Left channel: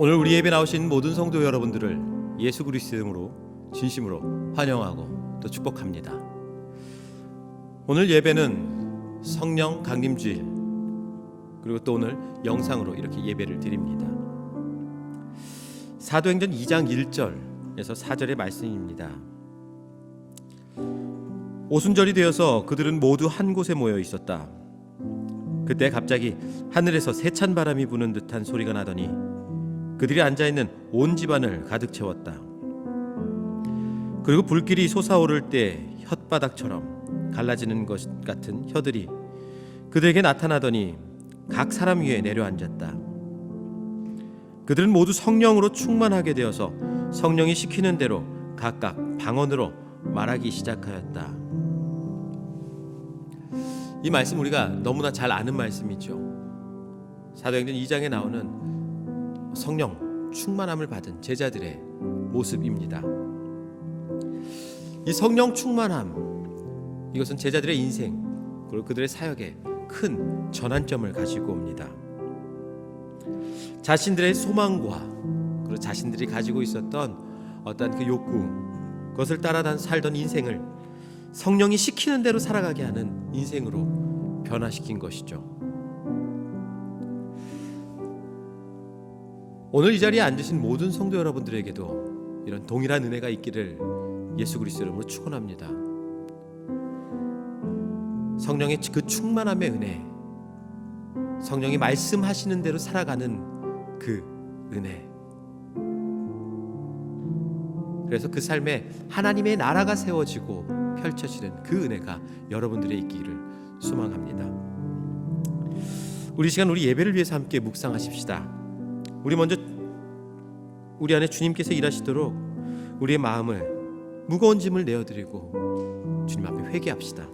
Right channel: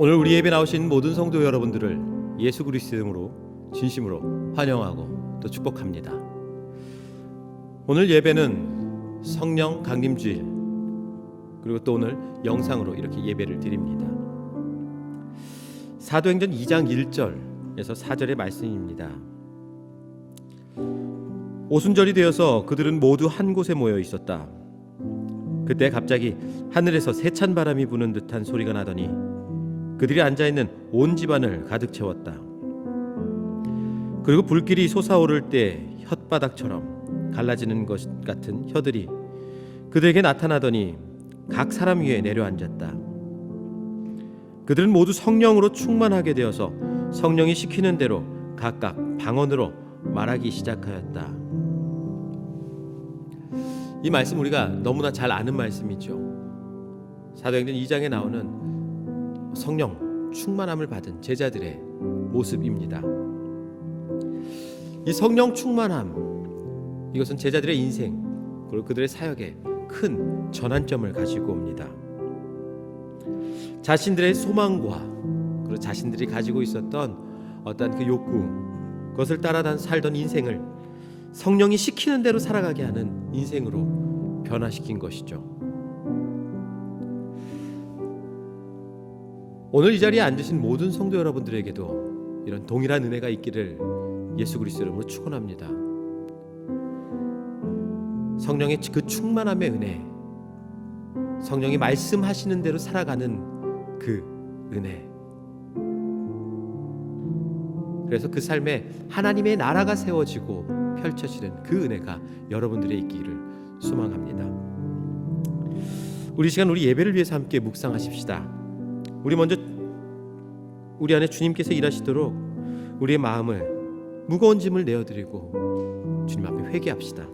오늘 우리 예배 나오신 모든 성도 여러분들을 예수 그리스도의 이름으로 진심으로 환영하고 또 축복합니다. 오늘 예배는 성령 강림주일, 그리고 또 오늘 영상으로 이렇게 예배를 드립니다. 사도행전 2장 1절에서 4절의 말씀입니다. 오순절이 되어서 그들은 모두 한 곳에 모여 있었다. 그때 갑자기 하늘에서 세찬 바람이 부는 듯한 소리가 나더니 그들이 앉아있는 온 집안을 가득 채웠다. 그리고 불길이 솟아오를 때 혓바닥처럼 갈라지는 것 같은 혀들이 그들에게 나타나더니 각 사람 위에 내려앉았다. 그들은 모두 성령으로 충만하게 되어서 성령이 시키는 대로 각각 방언으로 말하기 시작하였다. 이 말씀 우리가 너무나 잘 아는 말씀이죠. 사도행전 2장에 나오는 성령 충만함을 받은 제자들의 모습입니다. 이 성령 충만함, 이것은 제자들의 인생 그리고 그들의 사역에 큰 전환점을 가지고 옵니다. 자신들의 소망과 그리고 자신들이 가지고 있었던 어떤 그 욕구, 그것을 따라 살던 인생을 성령이 시키는 대로 살아가게 하는 인생으로 변화시킨 것이죠. 오늘 이 자리에 앉으신 모든 성도 여러분들에게도 이런 동일한 은혜가 있기를 예수 그리스도 이름으로 축원합니다. 성령의 그 충만함의 은혜, 성령이 말씀하시는 대로 살아가는 그 은혜, 그래서 그 삶에 하나님의 나라가 세워지고 펼쳐지는 그 은혜가 여러분들의 있기를 소망합니다. 우리 시간 우리 예배를 위해서 함께 묵상하십시다. 우리 먼저 우리 안에 주님께서 일하시도록 우리의 마음을, 무거운 짐을 내어드리고 주님 앞에 회개합시다.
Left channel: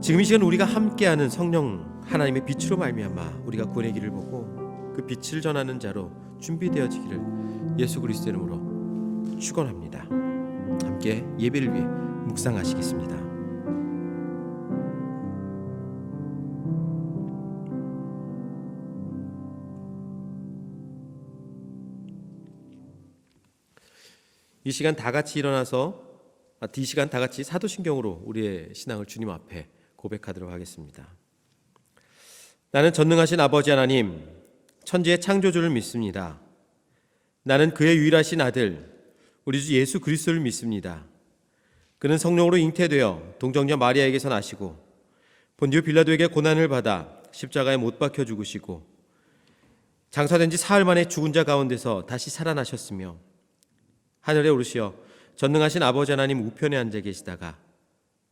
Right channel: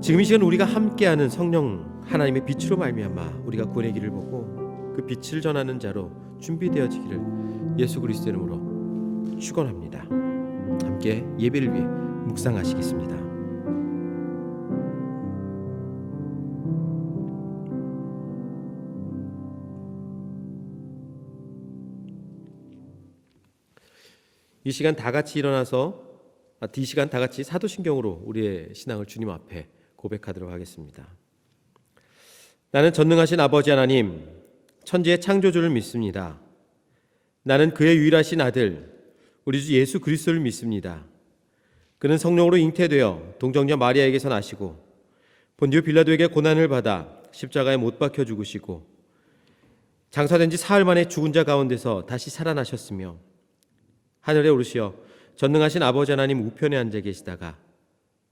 지금 이 시간 우리가 함께하는 성령 하나님의 빛으로 말미암아 우리가 구원의 길을 보고 그 빛을 전하는 자로 준비되어지기를 예수 그리스도 이름으로 축원합니다. 함께 예배를 위해 묵상하시겠습니다. 이 시간 다 같이 일어나서 이 시간 다 같이 사도신경으로 우리의 신앙을 주님 앞에 고백하도록 하겠습니다. 나는 전능하신 아버지 하나님, 천지의 창조주를 믿습니다. 나는 그의 유일하신 아들 우리 주 예수 그리스도를 믿습니다. 그는 성령으로 잉태되어 동정녀 마리아에게서 나시고 본디오 빌라도에게 고난을 받아 십자가에 못 박혀 죽으시고 장사된 지 사흘 만에 죽은 자 가운데서 다시 살아나셨으며 하늘에 오르시어 전능하신 아버지 하나님 우편에 앉아 계시다가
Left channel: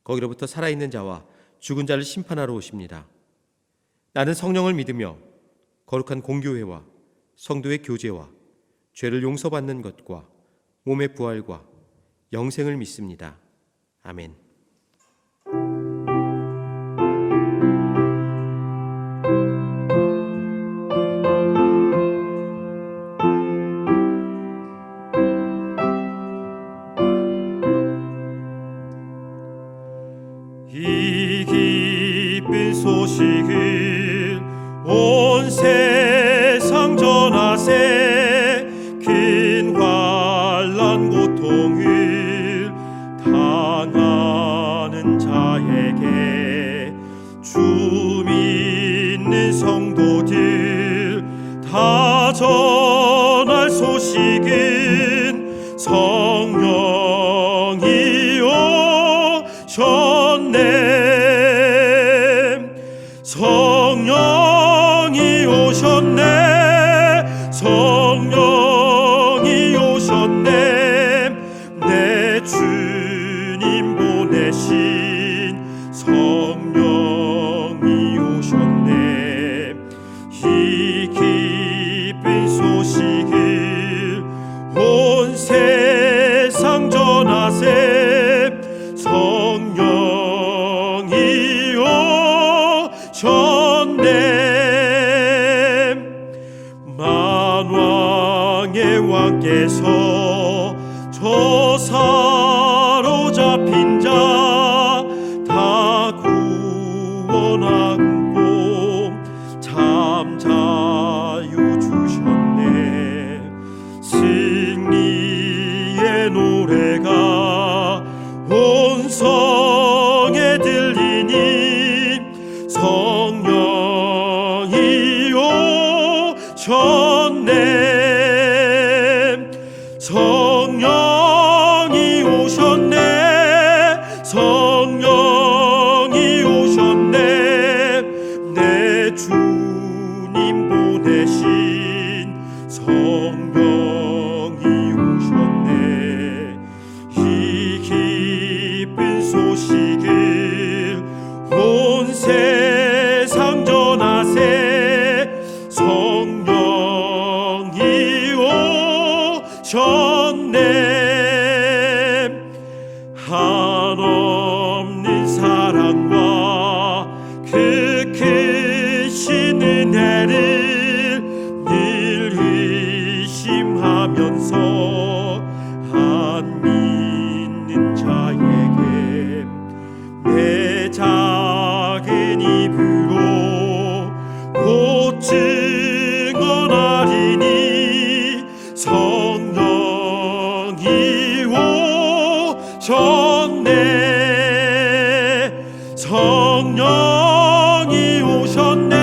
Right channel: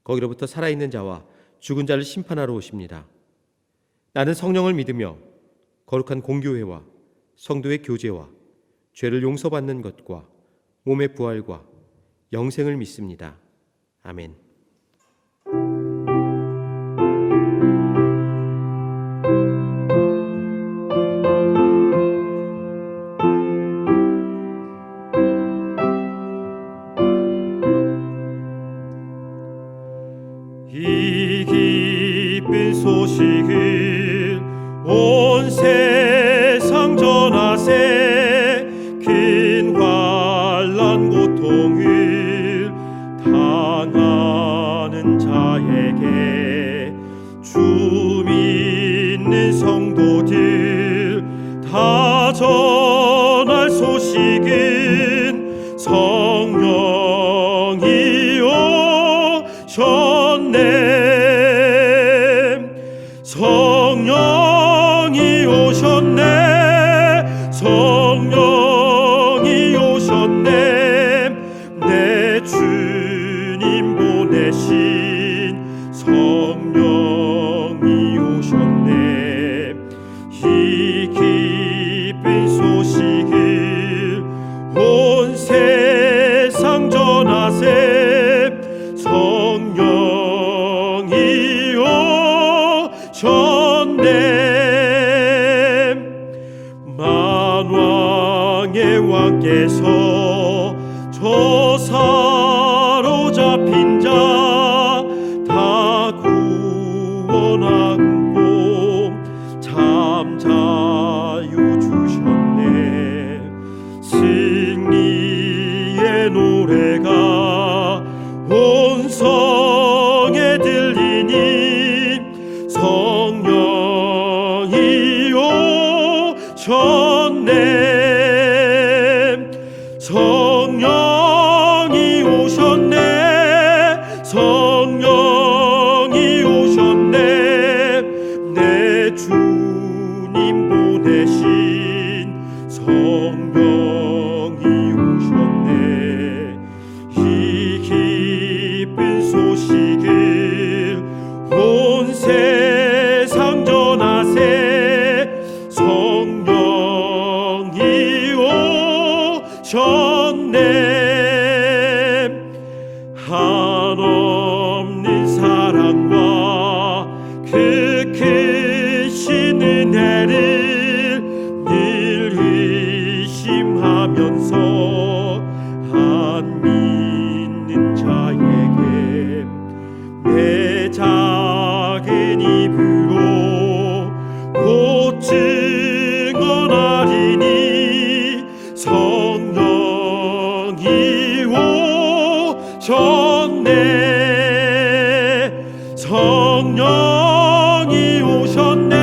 거기로부터 살아있는 자와 죽은 자를 심판하러 오십니다. 나는 성령을 믿으며 거룩한 공교회와 성도의 교제와 죄를 용서받는 것과 몸의 부활과 영생을 믿습니다. 아멘. 이 기쁜 소식은 온 세상 전하세. 큰 환난 고통을 당하는 자에게 주 믿는 성도들 다 전할 소식은 성령이 오셨네. 보내신 성령이 오셨네. 이 기쁜 소식을 온 세상 전하세. 성령이 오셨네. 만왕의 왕께서 저 사로잡힌 자 다 구원하고 참 자유 주셨네. 승리의 노래가 온 성에 들리니 성령이 오셨네. 성령이 오셨네. 성령이 오셨네. 내 주님 보내신 성령이 오셨네. 이 기쁜 소식을 온 세상 전하세. 성령이 오셨네. 한없는 사랑과 그 크신 은혜를 늘 의심하면서 안 믿는 자에게 내 작은 입으로 곧 증언하리니 성령이 오셨네. 성령이 오셨네.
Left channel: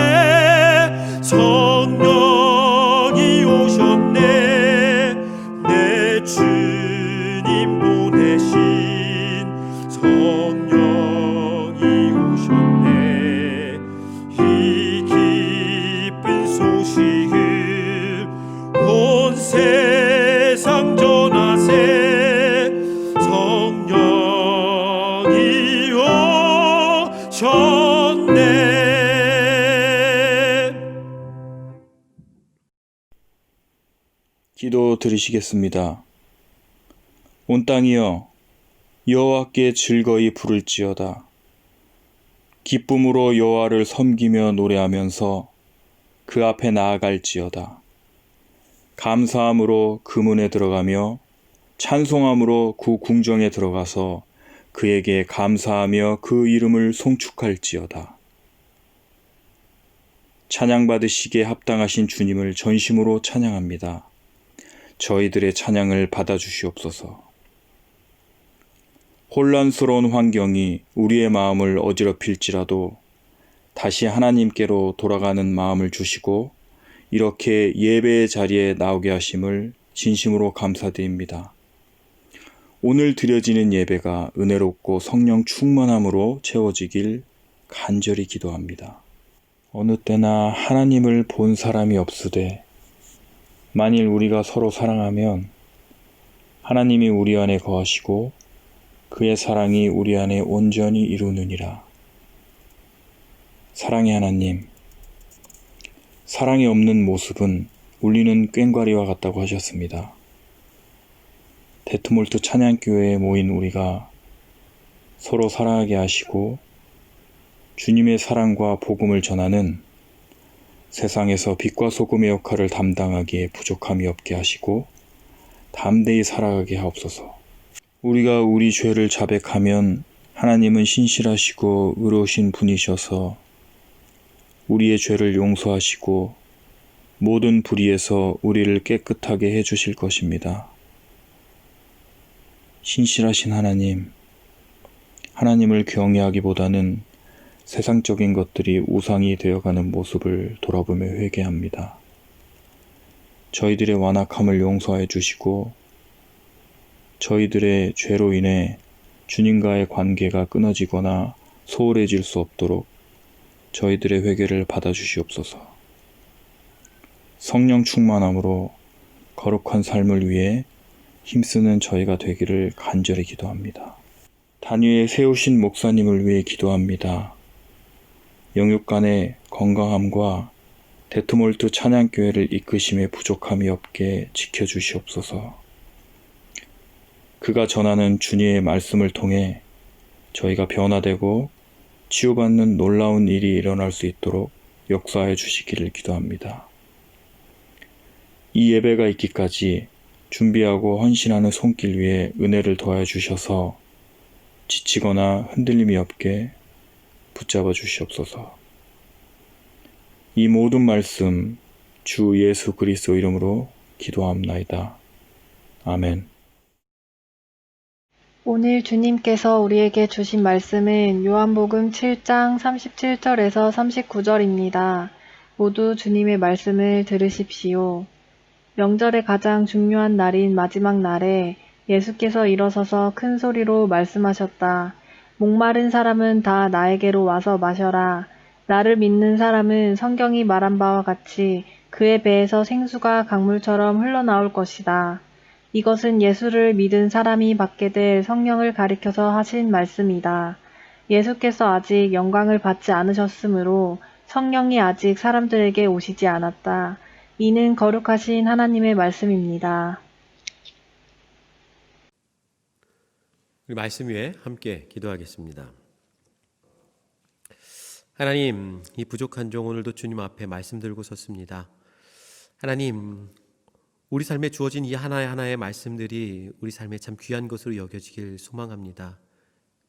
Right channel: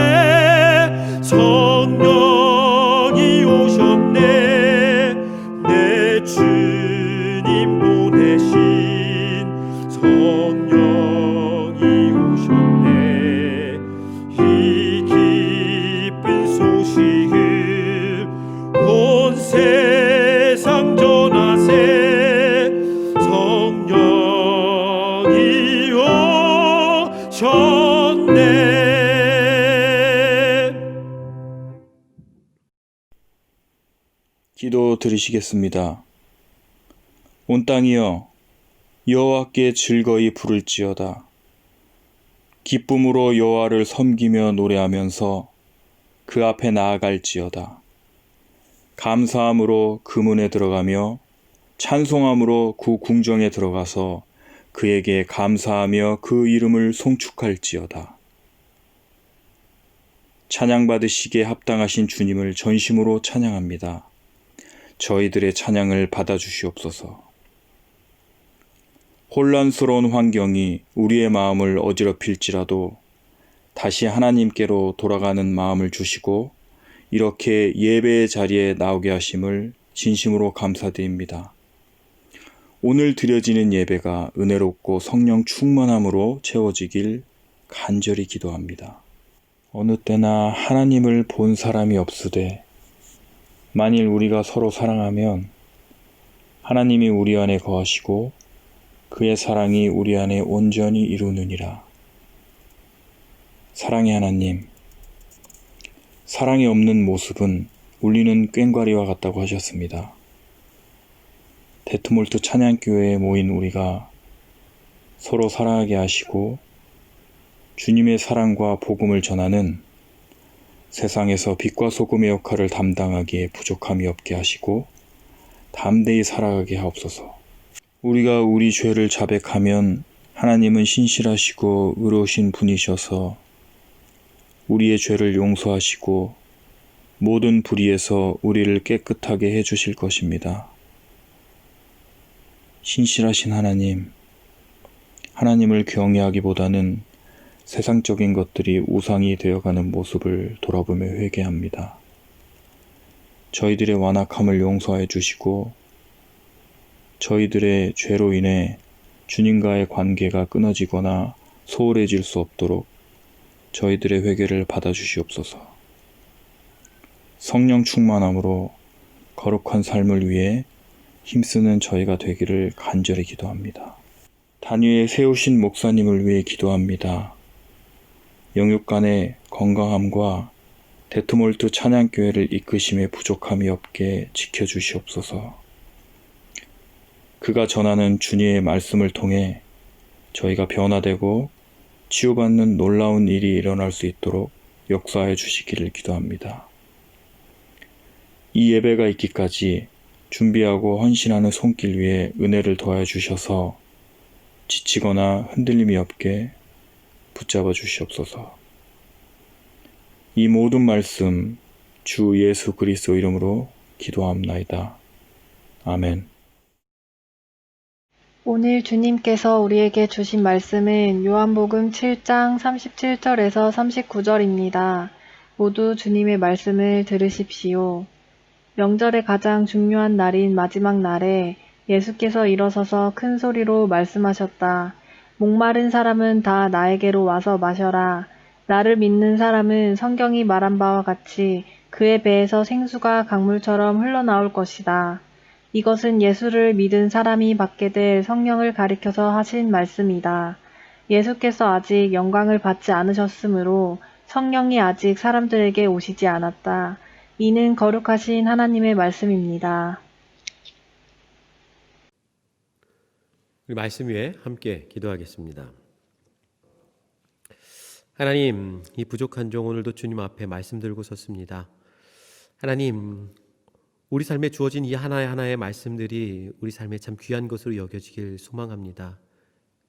성령이 오셨네. 내 주님 보내신 성령이 오셨네. 이 기쁜 소식을 온 세상 전하세. 성령이 오셨네. 기도 드리시겠습니다. 온 땅이여 여호와께 즐거이 부를지어다. 기쁨으로 여호와를 섬기며 노래하면서 그 앞에 나아갈지어다. 감사함으로 그 문에 들어가며 찬송함으로 그 궁정에 들어가서 그에게 감사하며 그 이름을 송축할지어다. 찬양받으시기에 합당하신 주님을 전심으로 찬양합니다. 저희들의 찬양을 받아주시옵소서. 혼란스러운 환경이 우리의 마음을 어지럽힐지라도 다시 하나님께로 돌아가는 마음을 주시고 이렇게 예배의 자리에 나오게 하심을 진심으로 감사드립니다. 오늘 드려지는 예배가 은혜롭고 성령 충만함으로 채워지길 간절히 기도합니다. 어느 때나 하나님을 본 사람이 없으되 만일 우리가 서로 사랑하면 하나님이 우리 안에 거하시고 그의 사랑이 우리 안에 온전히 이루느니라. 사랑의 하나님, 사랑이 없는 모습은 울리는 꽹과리와 같다고 하셨습니다. 데트몰트 찬양교회에 모인 우리가 서로 사랑하게 하시고 주님의 사랑과 복음을 전하는 세상에서 빛과 소금의 역할을 담당하기에 부족함이 없게 하시고 담대히 살아가게 하옵소서. 우리가 우리 죄를 자백하면 하나님은 신실하시고 의로우신 분이셔서 우리의 죄를 용서하시고 모든 불의에서 우리를 깨끗하게 해주실 것입니다. 신실하신 하나님, 하나님을 경외하기보다는 세상적인 것들이 우상이 되어가는 모습을 돌아보며 회개합니다. 저희들의 완악함을 용서해 주시고 저희들의 죄로 인해 주님과의 관계가 끊어지거나 소홀해질 수 없도록 저희들의 회개를 받아주시옵소서. 성령 충만함으로 거룩한 삶을 위해 힘쓰는 저희가 되기를 간절히 기도합니다. 단위에 세우신 목사님을 위해 기도합니다. 영육간의 건강함과 데트몰트 찬양교회를 이끄심에 부족함이 없게 지켜주시옵소서. 그가 전하는 주님의 말씀을 통해 저희가 변화되고 치유받는 놀라운 일이 일어날 수 있도록 역사해 주시기를 기도합니다. 이 예배가 있기까지 준비하고 헌신하는 손길 위에 은혜를 더해 주셔서 지치거나 흔들림이 없게 붙잡아 주시옵소서. 이 모든 말씀 주 예수 그리스도 이름으로 기도합나이다. 아멘. 오늘 주님께서 우리에게 주신 말씀은 요한복음 7장 37절에서 39절입니다. 모두 주님의 말씀을 들으십시오. 명절의 가장 중요한 날인 마지막 날에 예수께서 일어서서 큰 소리로 말씀하셨다. 목마른 사람은 다 나에게로 와서 마셔라. 나를 믿는 사람은 성경이 말한 바와 같이 그의 배에서 생수가 강물처럼 흘러나올 것이다. 이것은 예수를 믿은 사람이 받게 될 성령을 가리켜서 하신 말씀이다. 예수께서 아직 영광을 받지 않으셨으므로 성령이 아직 사람들에게 오시지 않았다. 이는 거룩하신 하나님의 말씀입니다. 우리 말씀 위에 함께 기도하겠습니다. 하나님, 이 부족한 종 오늘도 주님 앞에 말씀 들고 섰습니다. 하나님, 우리 삶에 주어진 이 하나하나의 말씀들이 우리 삶에 참 귀한 것으로 여겨지길 소망합니다.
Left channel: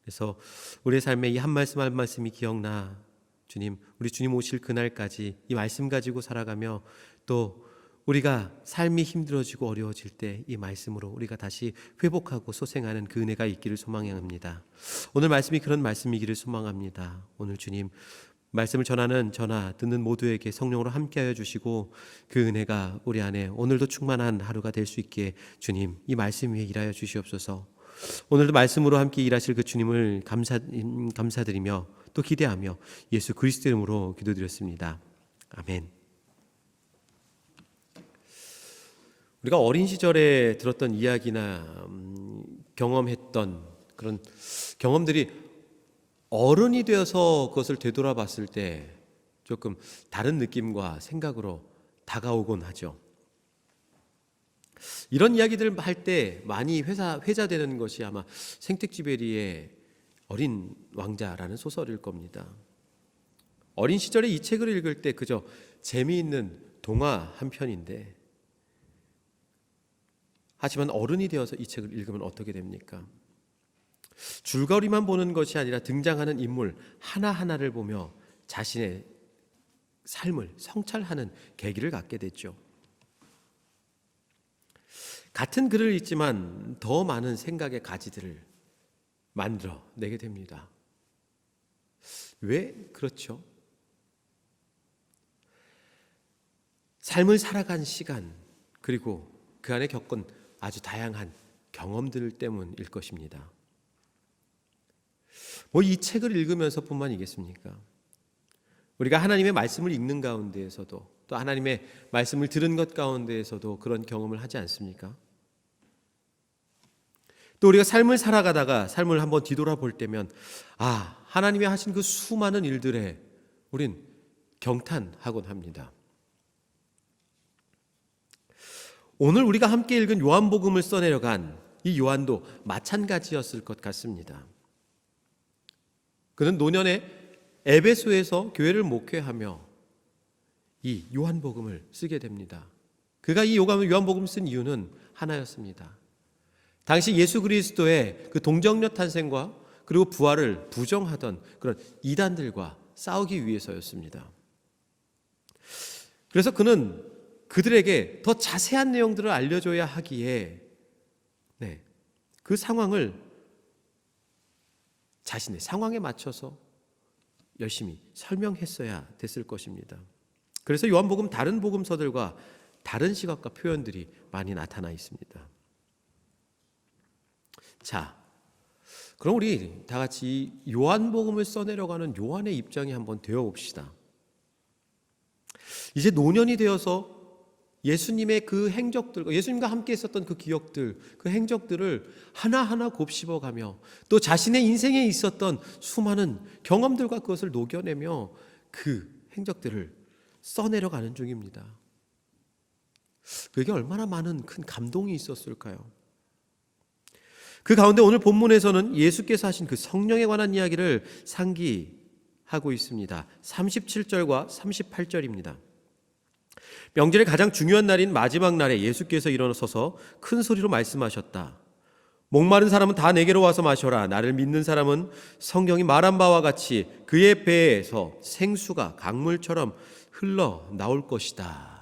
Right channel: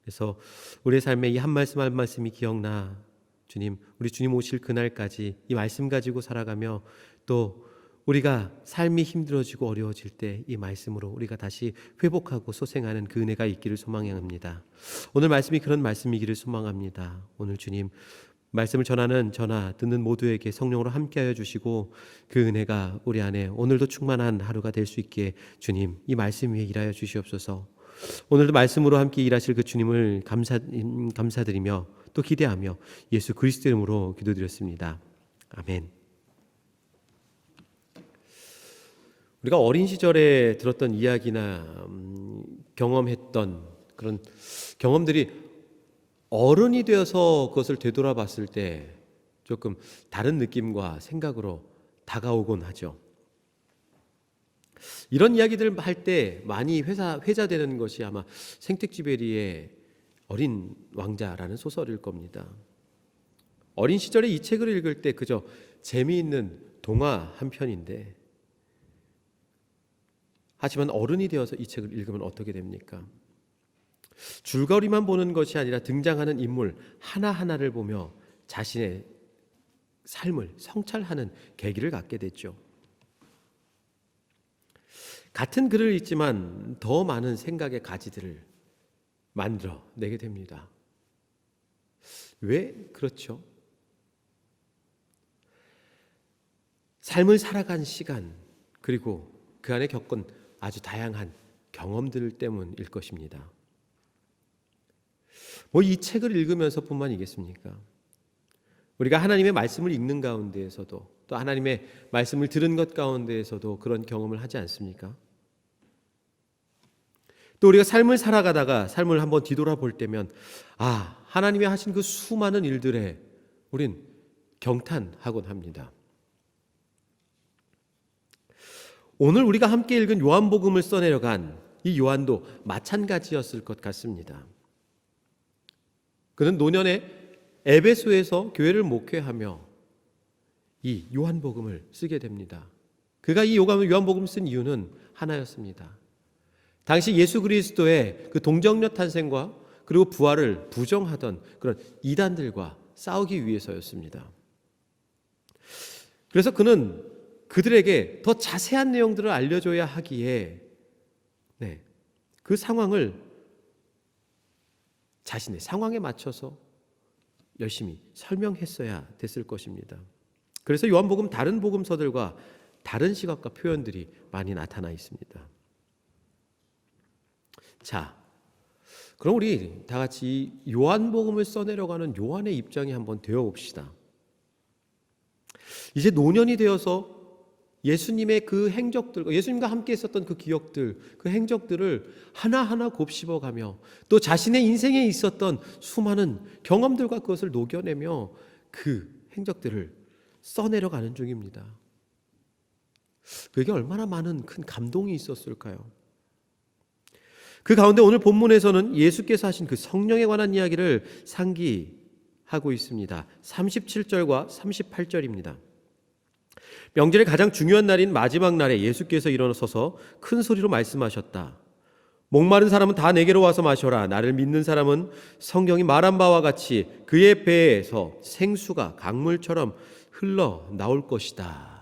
그래서 우리의 삶에 이 한 말씀 한 말씀이 기억나 주님, 우리 주님 오실 그날까지 이 말씀 가지고 살아가며 또 우리가 삶이 힘들어지고 어려워질 때 이 말씀으로 우리가 다시 회복하고 소생하는 그 은혜가 있기를 소망합니다. 오늘 말씀이 그런 말씀이기를 소망합니다. 오늘 주님 말씀을 전하는 저나 듣는 모두에게 성령으로 함께하여 주시고 그 은혜가 우리 안에 오늘도 충만한 하루가 될 수 있게 주님 이 말씀 위에 일하여 주시옵소서. 오늘도 말씀으로 함께 일하실 그 주님을 감사드리며 또 기대하며 예수 그리스도 이름으로 기도드렸습니다. 아멘. 우리가 어린 시절에 들었던 이야기나 경험했던 그런 경험들이 어른이 되어서 그것을 되돌아봤을 때 조금 다른 느낌과 생각으로 다가오곤 하죠. 이런 이야기들을 할 때 많이 회자되는 것이 아마 생텍쥐베리의 어린 왕자라는 소설일 겁니다. 어린 시절에 이 책을 읽을 때 그저 재미있는 동화 한 편인데 하지만 어른이 되어서 이 책을 읽으면 어떻게 됩니까? 줄거리만 보는 것이 아니라 등장하는 인물 하나하나를 보며 자신의 삶을 성찰하는 계기를 갖게 됐죠. 같은 글을 읽지만 더 많은 생각의 가지들을 만들어 내게 됩니다. 왜 그렇죠? 삶을 살아간 시간 그리고 그 안에 겪은 아주 다양한 경험들 때문일 것입니다. 이 책을 읽으면서 뿐만이겠습니까? 우리가 하나님의 말씀을 읽는 가운데에서도 또 하나님의 말씀을 들은 것 가운데에서도 그런 경험을 하지 않습니까? 또 우리가 삶을 살아가다가 삶을 한번 뒤돌아볼 때면 하나님이 하신 그 수많은 일들에 우린 경탄하곤 합니다. 오늘 우리가 함께 읽은 요한복음을 써내려간 이 요한도 마찬가지였을 것 같습니다. 그는 노년에 에베소에서 교회를 목회하며 이 요한복음을 쓰게 됩니다. 그가 이 요한복음을 쓴 이유는 하나였습니다. 당시 예수 그리스도의 그 동정녀 탄생과 그리고 부활을 부정하던 그런 이단들과 싸우기 위해서였습니다. 그래서 그는 그들에게 더 자세한 내용들을 알려줘야 하기에 그 상황을 자신의 상황에 맞춰서 열심히 설명했어야 됐을 것입니다. 그래서 요한복음 다른 복음서들과 다른 시각과 표현들이 많이 나타나 있습니다. 자, 그럼 우리 다 같이 요한복음을 써내려가는 요한의 입장에 한번 되어봅시다. 이제 노년이 되어서 예수님의 그 행적들과 예수님과 함께 있었던 그 기억들, 그 행적들을 하나하나 곱씹어가며 또 자신의 인생에 있었던 수많은 경험들과 그것을 녹여내며 그 행적들을 써내려가는 중입니다. 그게 얼마나 많은 큰 감동이 있었을까요? 그 가운데 오늘 본문에서는 예수께서 하신 그 성령에 관한 이야기를 상기하고 있습니다. 37절과 38절입니다. 명절의 가장 중요한 날인 마지막 날에 예수께서 일어서서 큰 소리로 말씀하셨다. 목마른 사람은 다 내게로 와서 마셔라. 나를 믿는 사람은 성경이 말한 바와 같이 그의 배에서 생수가 강물처럼 흘러 나올 것이다.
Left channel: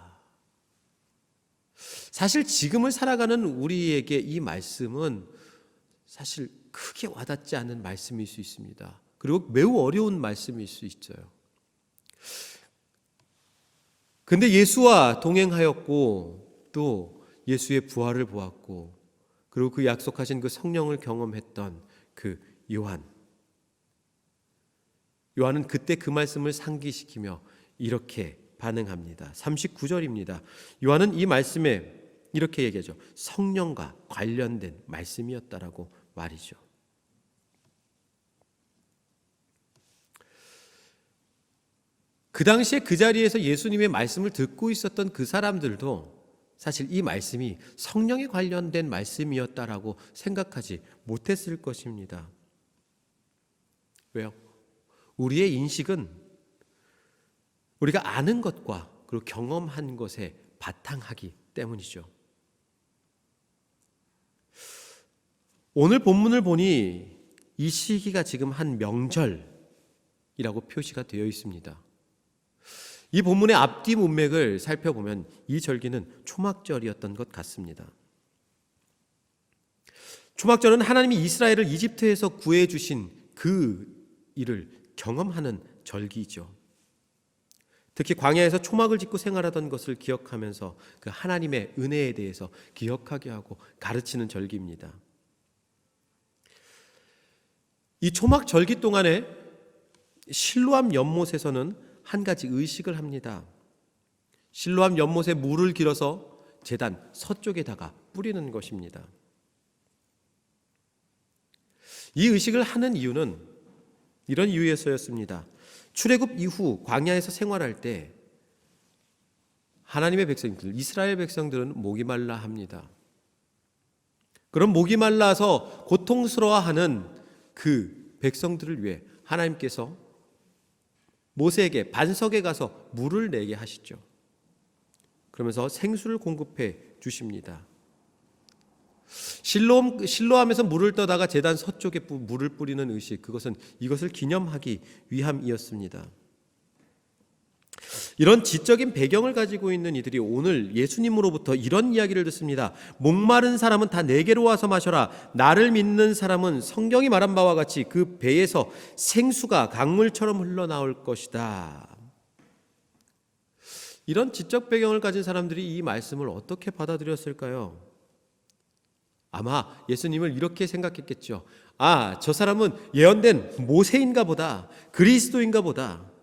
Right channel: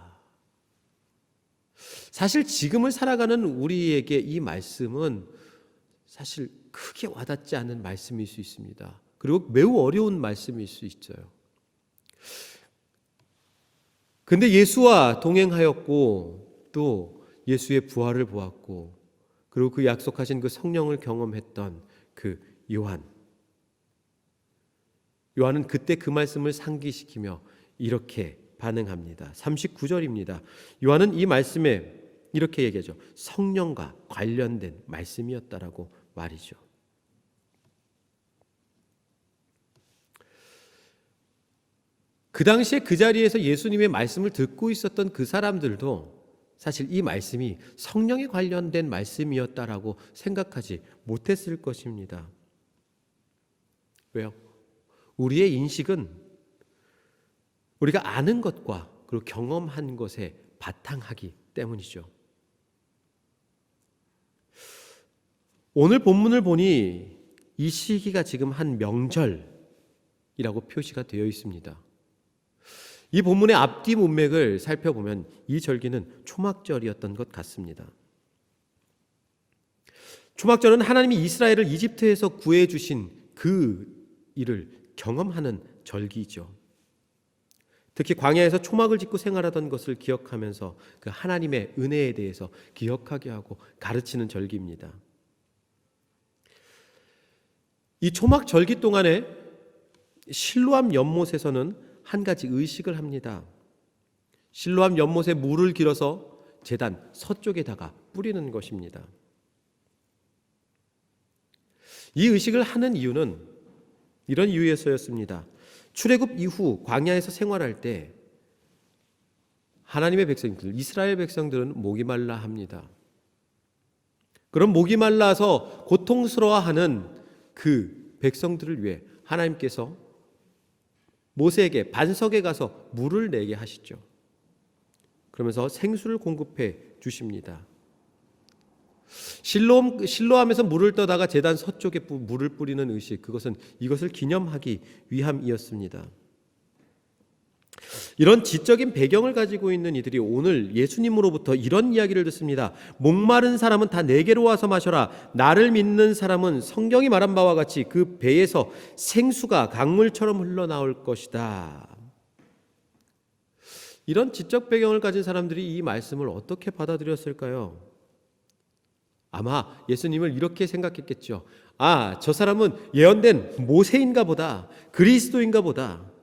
사실 지금을 살아가는 우리에게 이 말씀은 사실 크게 와닿지 않는 말씀일 수 있습니다. 그리고 매우 어려운 말씀일 수 있어요. 근데 예수와 동행하였고 또 예수의 부활을 보았고 그리고 그 약속하신 그 성령을 경험했던 그 요한은 그때 그 말씀을 상기시키며 이렇게 반응합니다. 39절입니다. 요한은 이 말씀에 이렇게 얘기하죠. 성령과 관련된 말씀이었다라고 말이죠. 그 당시에 그 자리에서 예수님의 말씀을 듣고 있었던 그 사람들도 사실 이 말씀이 성령에 관련된 말씀이었다라고 생각하지 못했을 것입니다. 왜요? 우리의 인식은 우리가 아는 것과 그리고 경험한 것에 바탕하기 때문이죠. 오늘 본문을 보니 이 시기가 지금 한 명절이라고 표시가 되어 있습니다. 이 본문의 앞뒤 문맥을 살펴보면 이 절기는 초막절이었던 것 같습니다. 초막절은 하나님이 이스라엘을 이집트에서 구해주신 그 일을 경험하는 절기죠. 특히 광야에서 초막을 짓고 생활하던 것을 기억하면서 그 하나님의 은혜에 대해서 기억하게 하고 가르치는 절기입니다. 이 초막 절기 동안에 실로암 연못에서는 한 가지 의식을 합니다. 실로암 연못에 물을 길어서 제단 서쪽에다가 뿌리는 것입니다. 이 의식을 하는 이유는 이런 이유에서였습니다. 출애굽 이후 광야에서 생활할 때 하나님의 백성들, 이스라엘 백성들은 목이 말라 합니다. 그럼 목이 말라서 고통스러워하는 그 백성들을 위해 하나님께서 모세에게 반석에 가서 물을 내게 하시죠. 그러면서 생수를 공급해 주십니다. 실로암에서 물을 떠다가 제단 서쪽에 물을 뿌리는 의식, 그것은 이것을 기념하기 위함이었습니다. 이런 지적인 배경을 가지고 있는 이들이 오늘 예수님으로부터 이런 이야기를 듣습니다. 목마른 사람은 다 내게로 와서 마셔라. 나를 믿는 사람은 성경이 말한 바와 같이 그 배에서 생수가 강물처럼 흘러나올 것이다. 이런 지적 배경을 가진 사람들이 이 말씀을 어떻게 받아들였을까요? 아마 예수님을 이렇게 생각했겠죠. 아, 저 사람은 예언된 모세인가 보다, 그리스도인가 보다.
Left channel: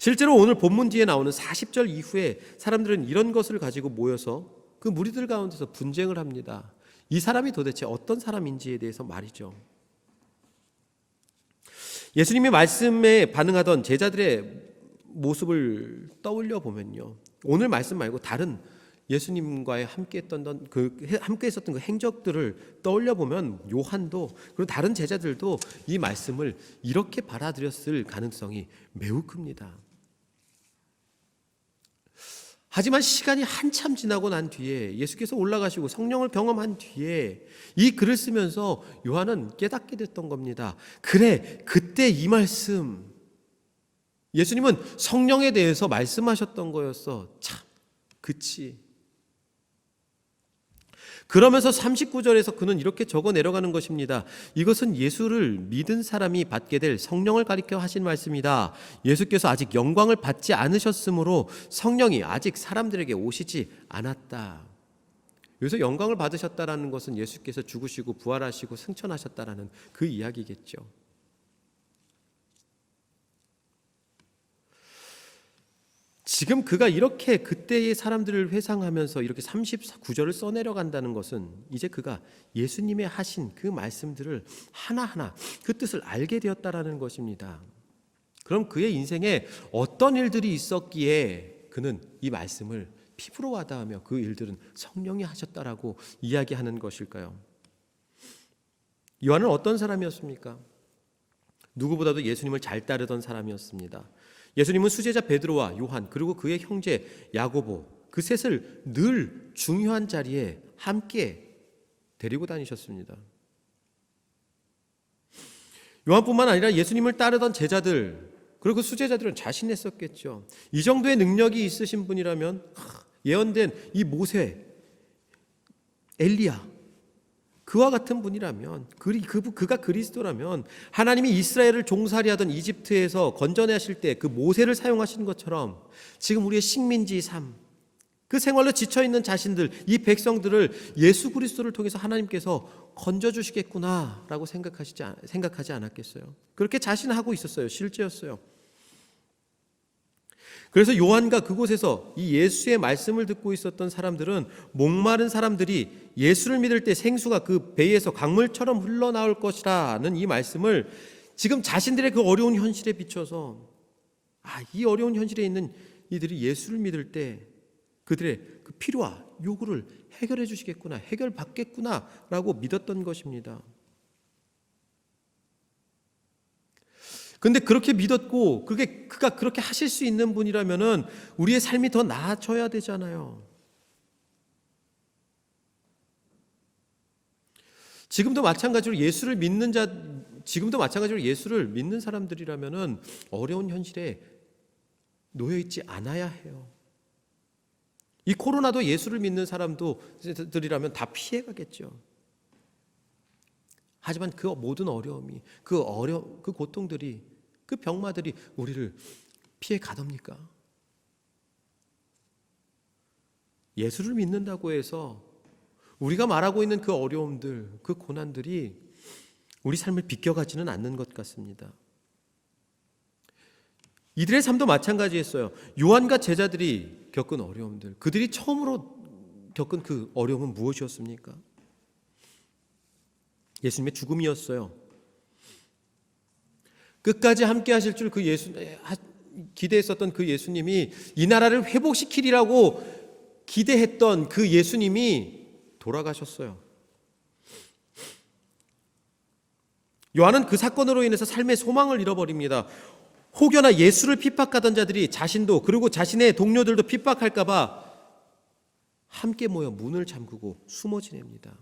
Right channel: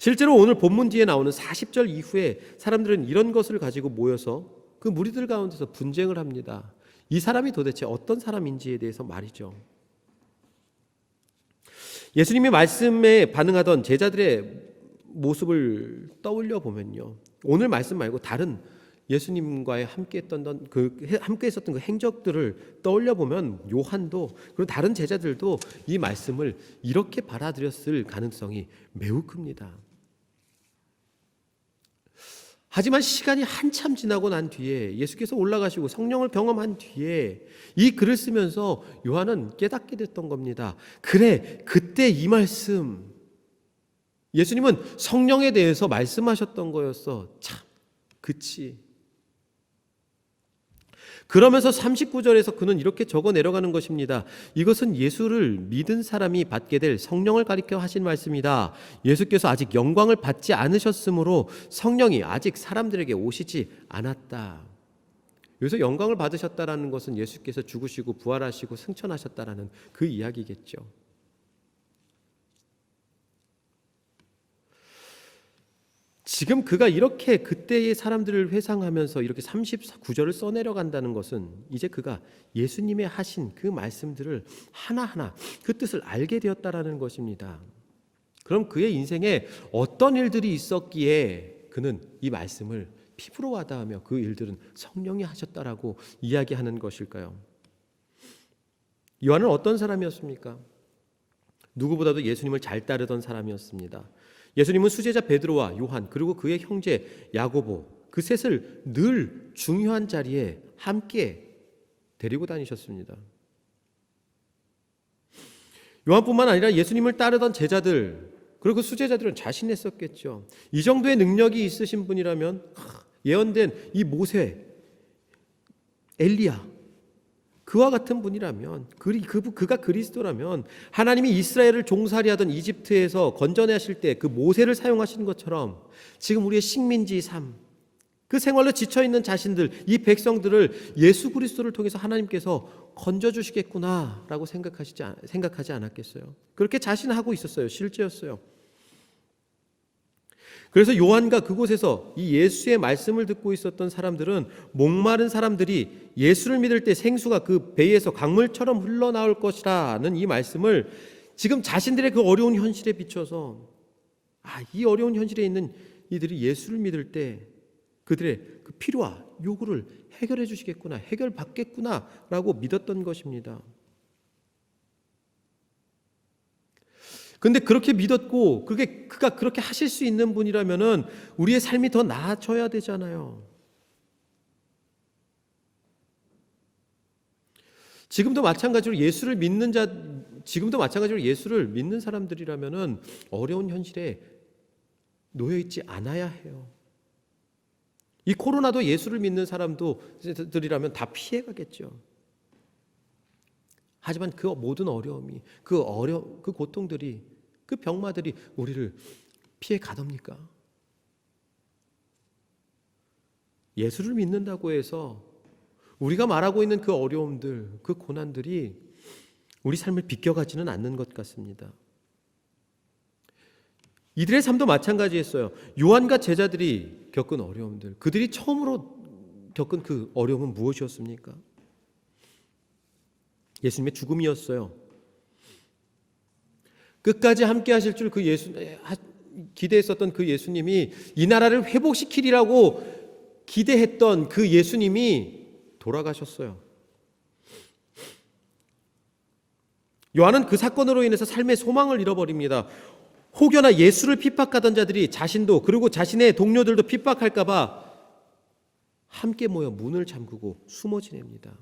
실제로 오늘 본문 뒤에 나오는 40절 이후에 사람들은 이런 것을 가지고 모여서 그 무리들 가운데서 분쟁을 합니다. 이 사람이 도대체 어떤 사람인지에 대해서 말이죠. 예수님의 말씀에 반응하던 제자들의 모습을 떠올려 보면요, 오늘 말씀 말고 다른 예수님과의 함께 있었던 그 행적들을 떠올려 보면 요한도 그리고 다른 제자들도 이 말씀을 이렇게 받아들였을 가능성이 매우 큽니다. 하지만 시간이 한참 지나고 난 뒤에 예수께서 올라가시고 성령을 경험한 뒤에 이 글을 쓰면서 요한은 깨닫게 됐던 겁니다. 그래, 그때 이 말씀, 예수님은 성령에 대해서 말씀하셨던 거였어. 참, 그치. 그러면서 39절에서 그는 이렇게 적어 내려가는 것입니다. 이것은 예수를 믿은 사람이 받게 될 성령을 가리켜 하신 말씀이다. 예수께서 아직 영광을 받지 않으셨으므로 성령이 아직 사람들에게 오시지 않았다. 여기서 영광을 받으셨다라는 것은 예수께서 죽으시고 부활하시고 승천하셨다라는 그 이야기겠죠. 지금 그가 이렇게 그때의 사람들을 회상하면서 이렇게 39절을 써내려간다는 것은 이제 그가 예수님의 하신 그 말씀들을 하나하나 그 뜻을 알게 되었다라는 것입니다. 그럼 그의 인생에 어떤 일들이 있었기에 그는 이 말씀을 피부로 와닿으며 그 일들은 성령이 하셨다라고 이야기하는 것일까요? 요한은 어떤 사람이었습니까? 누구보다도 예수님을 잘 따르던 사람이었습니다. 예수님은 수제자 베드로와 요한 그리고 그의 형제 야고보 그 셋을 늘 중요한 자리에 함께 데리고 다니셨습니다. 요한뿐만 아니라 예수님을 따르던 제자들 그리고 그 수제자들은 자신했었겠죠. 이 정도의 능력이 있으신 분이라면 예언된 이 모세, 엘리야 그와 같은 분이라면 그가 그리스도라면 하나님이 이스라엘을 종살이 하던 이집트에서 건져내실 때 그 모세를 사용하신 것처럼 지금 우리의 식민지 삶 그 생활로 지쳐있는 자신들 이 백성들을 예수 그리스도를 통해서 하나님께서 건져주시겠구나라고 생각하지 않았겠어요? 그렇게 자신하고 있었어요. 실제였어요. 그래서 요한과 그곳에서 이 예수의 말씀을 듣고 있었던 사람들은 목마른 사람들이 예수를 믿을 때 생수가 그 배에서 강물처럼 흘러나올 것이라는 이 말씀을 지금 자신들의 그 어려운 현실에 비춰서 이 어려운 현실에 있는 이들이 예수를 믿을 때 그들의 그 필요와 요구를 해결해 주시겠구나, 해결받겠구나라고 믿었던 것입니다. 근데 그렇게 믿었고 그가 그렇게 하실 수 있는 분이라면은 우리의 삶이 더 나아져야 되잖아요. 지금도 마찬가지로 예수를 믿는 사람들이라면은 어려운 현실에 놓여 있지 않아야 해요. 이 코로나도 예수를 믿는 사람들이라면 다 피해가겠죠. 하지만 그 모든 어려움이 그 고통들이 그 병마들이 우리를 피해 가렵니까? 예수를 믿는다고 해서 우리가 말하고 있는 그 어려움들, 그 고난들이 우리 삶을 비껴가지는 않는 것 같습니다. 이들의 삶도 마찬가지였어요. 요한과 제자들이 겪은 어려움들, 그들이 처음으로 겪은 그 어려움은 무엇이었습니까? 예수님의 죽음이었어요. 끝까지 함께 하실 줄 기대했었던 그 예수님이 이 나라를 회복시키리라고 기대했던 그 예수님이 돌아가셨어요. 요한은 그 사건으로 인해서 삶의 소망을 잃어버립니다. 혹여나 예수를 핍박하던 자들이 자신도 그리고 자신의 동료들도 핍박할까 봐 함께 모여 문을 잠그고 숨어 지냅니다.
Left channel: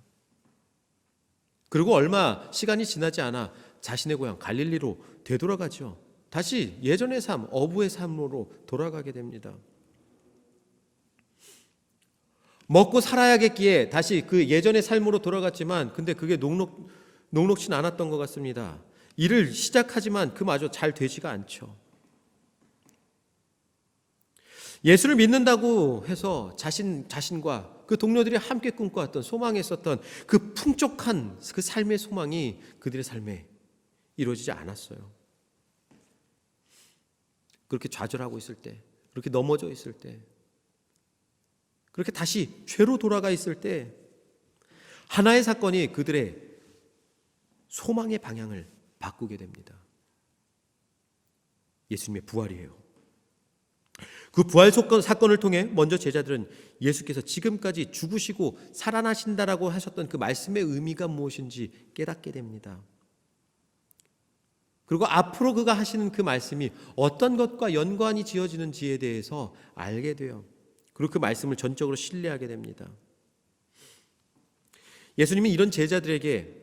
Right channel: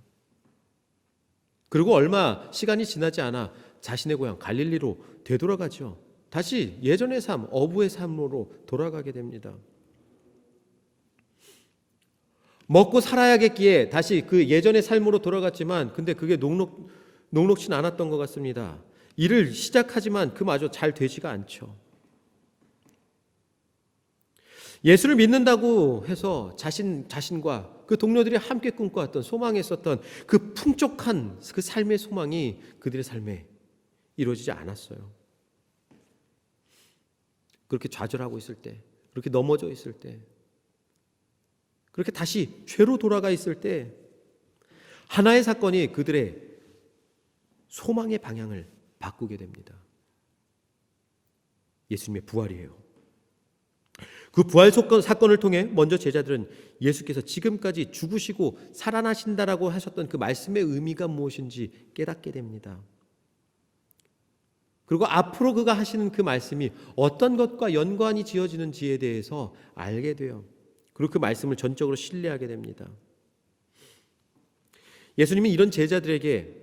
그리고 얼마 시간이 지나지 않아 자신의 고향 갈릴리로 되돌아가죠. 다시 예전의 삶, 어부의 삶으로 돌아가게 됩니다. 먹고 살아야겠기에 다시 그 예전의 삶으로 돌아갔지만 근데 그게 녹록진 않았던 것 같습니다. 일을 시작하지만 그마저 잘 되지가 않죠. 예수를 믿는다고 해서 자신과 그 동료들이 함께 꿈꿔왔던 소망했었던 그 풍족한 그 삶의 소망이 그들의 삶에 이루어지지 않았어요. 그렇게 좌절하고 있을 때, 그렇게 넘어져 있을 때, 그렇게 다시 죄로 돌아가 있을 때 하나의 사건이 그들의 소망의 방향을 바꾸게 됩니다. 예수님의 부활이에요. 그 부활 사건을 통해 먼저 제자들은 예수께서 지금까지 죽으시고 살아나신다라고 하셨던 그 말씀의 의미가 무엇인지 깨닫게 됩니다. 그리고 앞으로 그가 하시는 그 말씀이 어떤 것과 연관이 지어지는지에 대해서 알게 돼요. 그리고 그 말씀을 전적으로 신뢰하게 됩니다. 예수님은 이런 제자들에게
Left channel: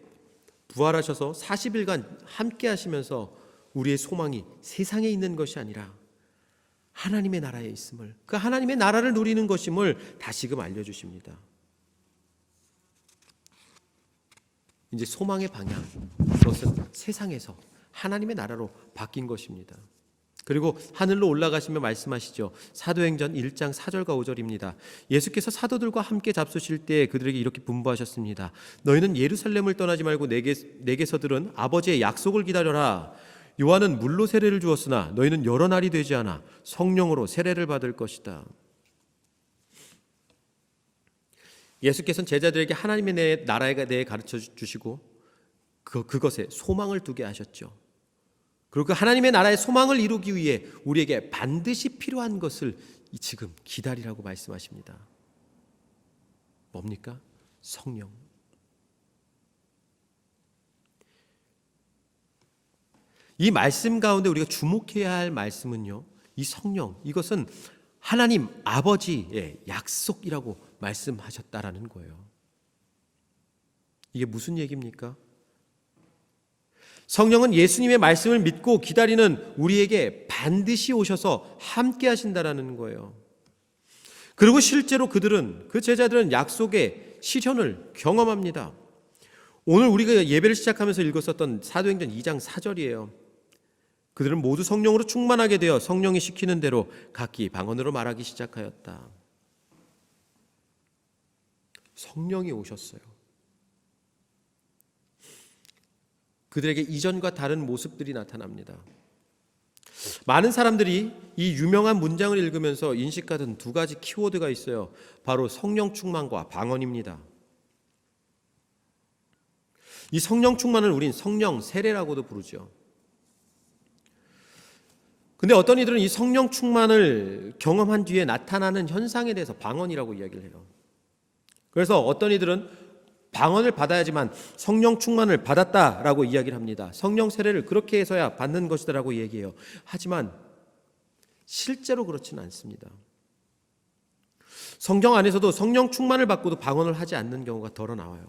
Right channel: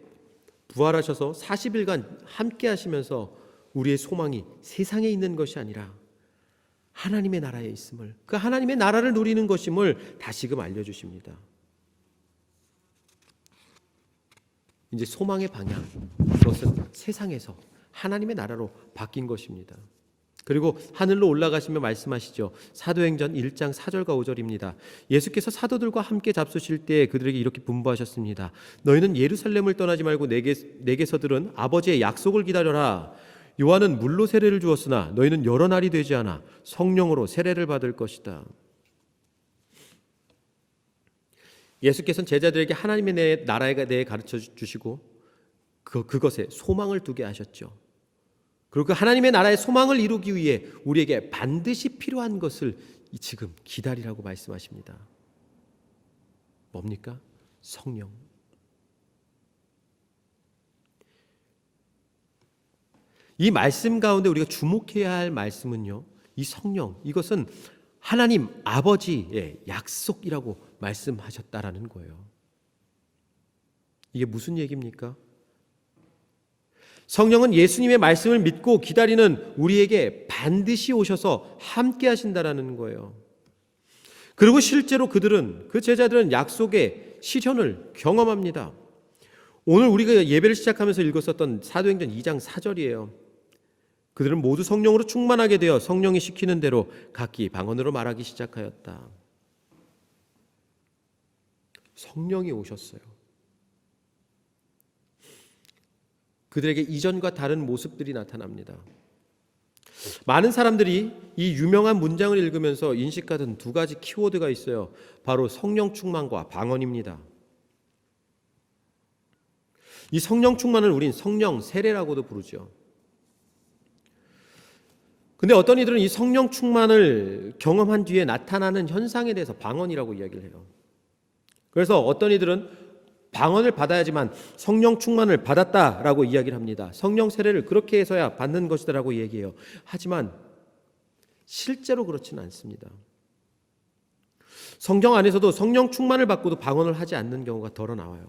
부활하셔서 40일간 함께 하시면서 우리의 소망이 세상에 있는 것이 아니라 하나님의 나라에 있음을, 그 하나님의 나라를 누리는 것임을 다시금 알려주십니다. 이제 소망의 방향, 그것은 세상에서 하나님의 나라로 바뀐 것입니다. 그리고 하늘로 올라가시며 말씀하시죠. 사도행전 1장 4절과 5절입니다. 예수께서 사도들과 함께 잡수실 때 그들에게 이렇게 분부하셨습니다. 너희는 예루살렘을 떠나지 말고 내게서 들은 아버지의 약속을 기다려라. 요한은 물로 세례를 주었으나 너희는 여러 날이 되지 않아 성령으로 세례를 받을 것이다. 예수께서는 제자들에게 하나님의 나라에 대해 가르쳐 주시고 그것에 소망을 두게 하셨죠. 그리고 그 하나님의 나라의 소망을 이루기 위해 우리에게 반드시 필요한 것을 지금 기다리라고 말씀하십니다. 뭡니까? 성령. 이 말씀 가운데 우리가 주목해야 할 말씀은요, 이 성령, 이것은 하나님 아버지의 약속이라고 말씀하셨다라는 거예요. 이게 무슨 얘기입니까? 성령은 예수님의 말씀을 믿고 기다리는 우리에게 반드시 오셔서 함께 하신다라는 거예요. 그리고 실제로 그 제자들은 약속의 실현을 경험합니다. 오늘 우리가 예배를 시작하면서 읽었었던 사도행전 2장 4절이에요. 그들은 모두 성령으로 충만하게 되어 성령이 시키는 대로 각기 방언으로 말하기 시작하였다. 성령이 오셨어요. 그들에게 이전과 다른 모습들이 나타납니다. 많은 사람들이 이 유명한 문장을 읽으면서 인식하던 두 가지 키워드가 있어요. 바로 성령 충만과 방언입니다. 이 성령 충만을 우린 성령 세례라고도 부르죠. 근데 어떤 이들은 이 성령 충만을 경험한 뒤에 나타나는 현상에 대해서 방언이라고 이야기를 해요. 그래서 어떤 이들은 방언을 받아야지만 성령 충만을 받았다라고 이야기를 합니다. 성령 세례를 그렇게 해서야 받는 것이다라고 얘기해요. 하지만 실제로 그렇지는 않습니다. 성경 안에서도 성령 충만을 받고도 방언을 하지 않는 경우가 덜어 나와요.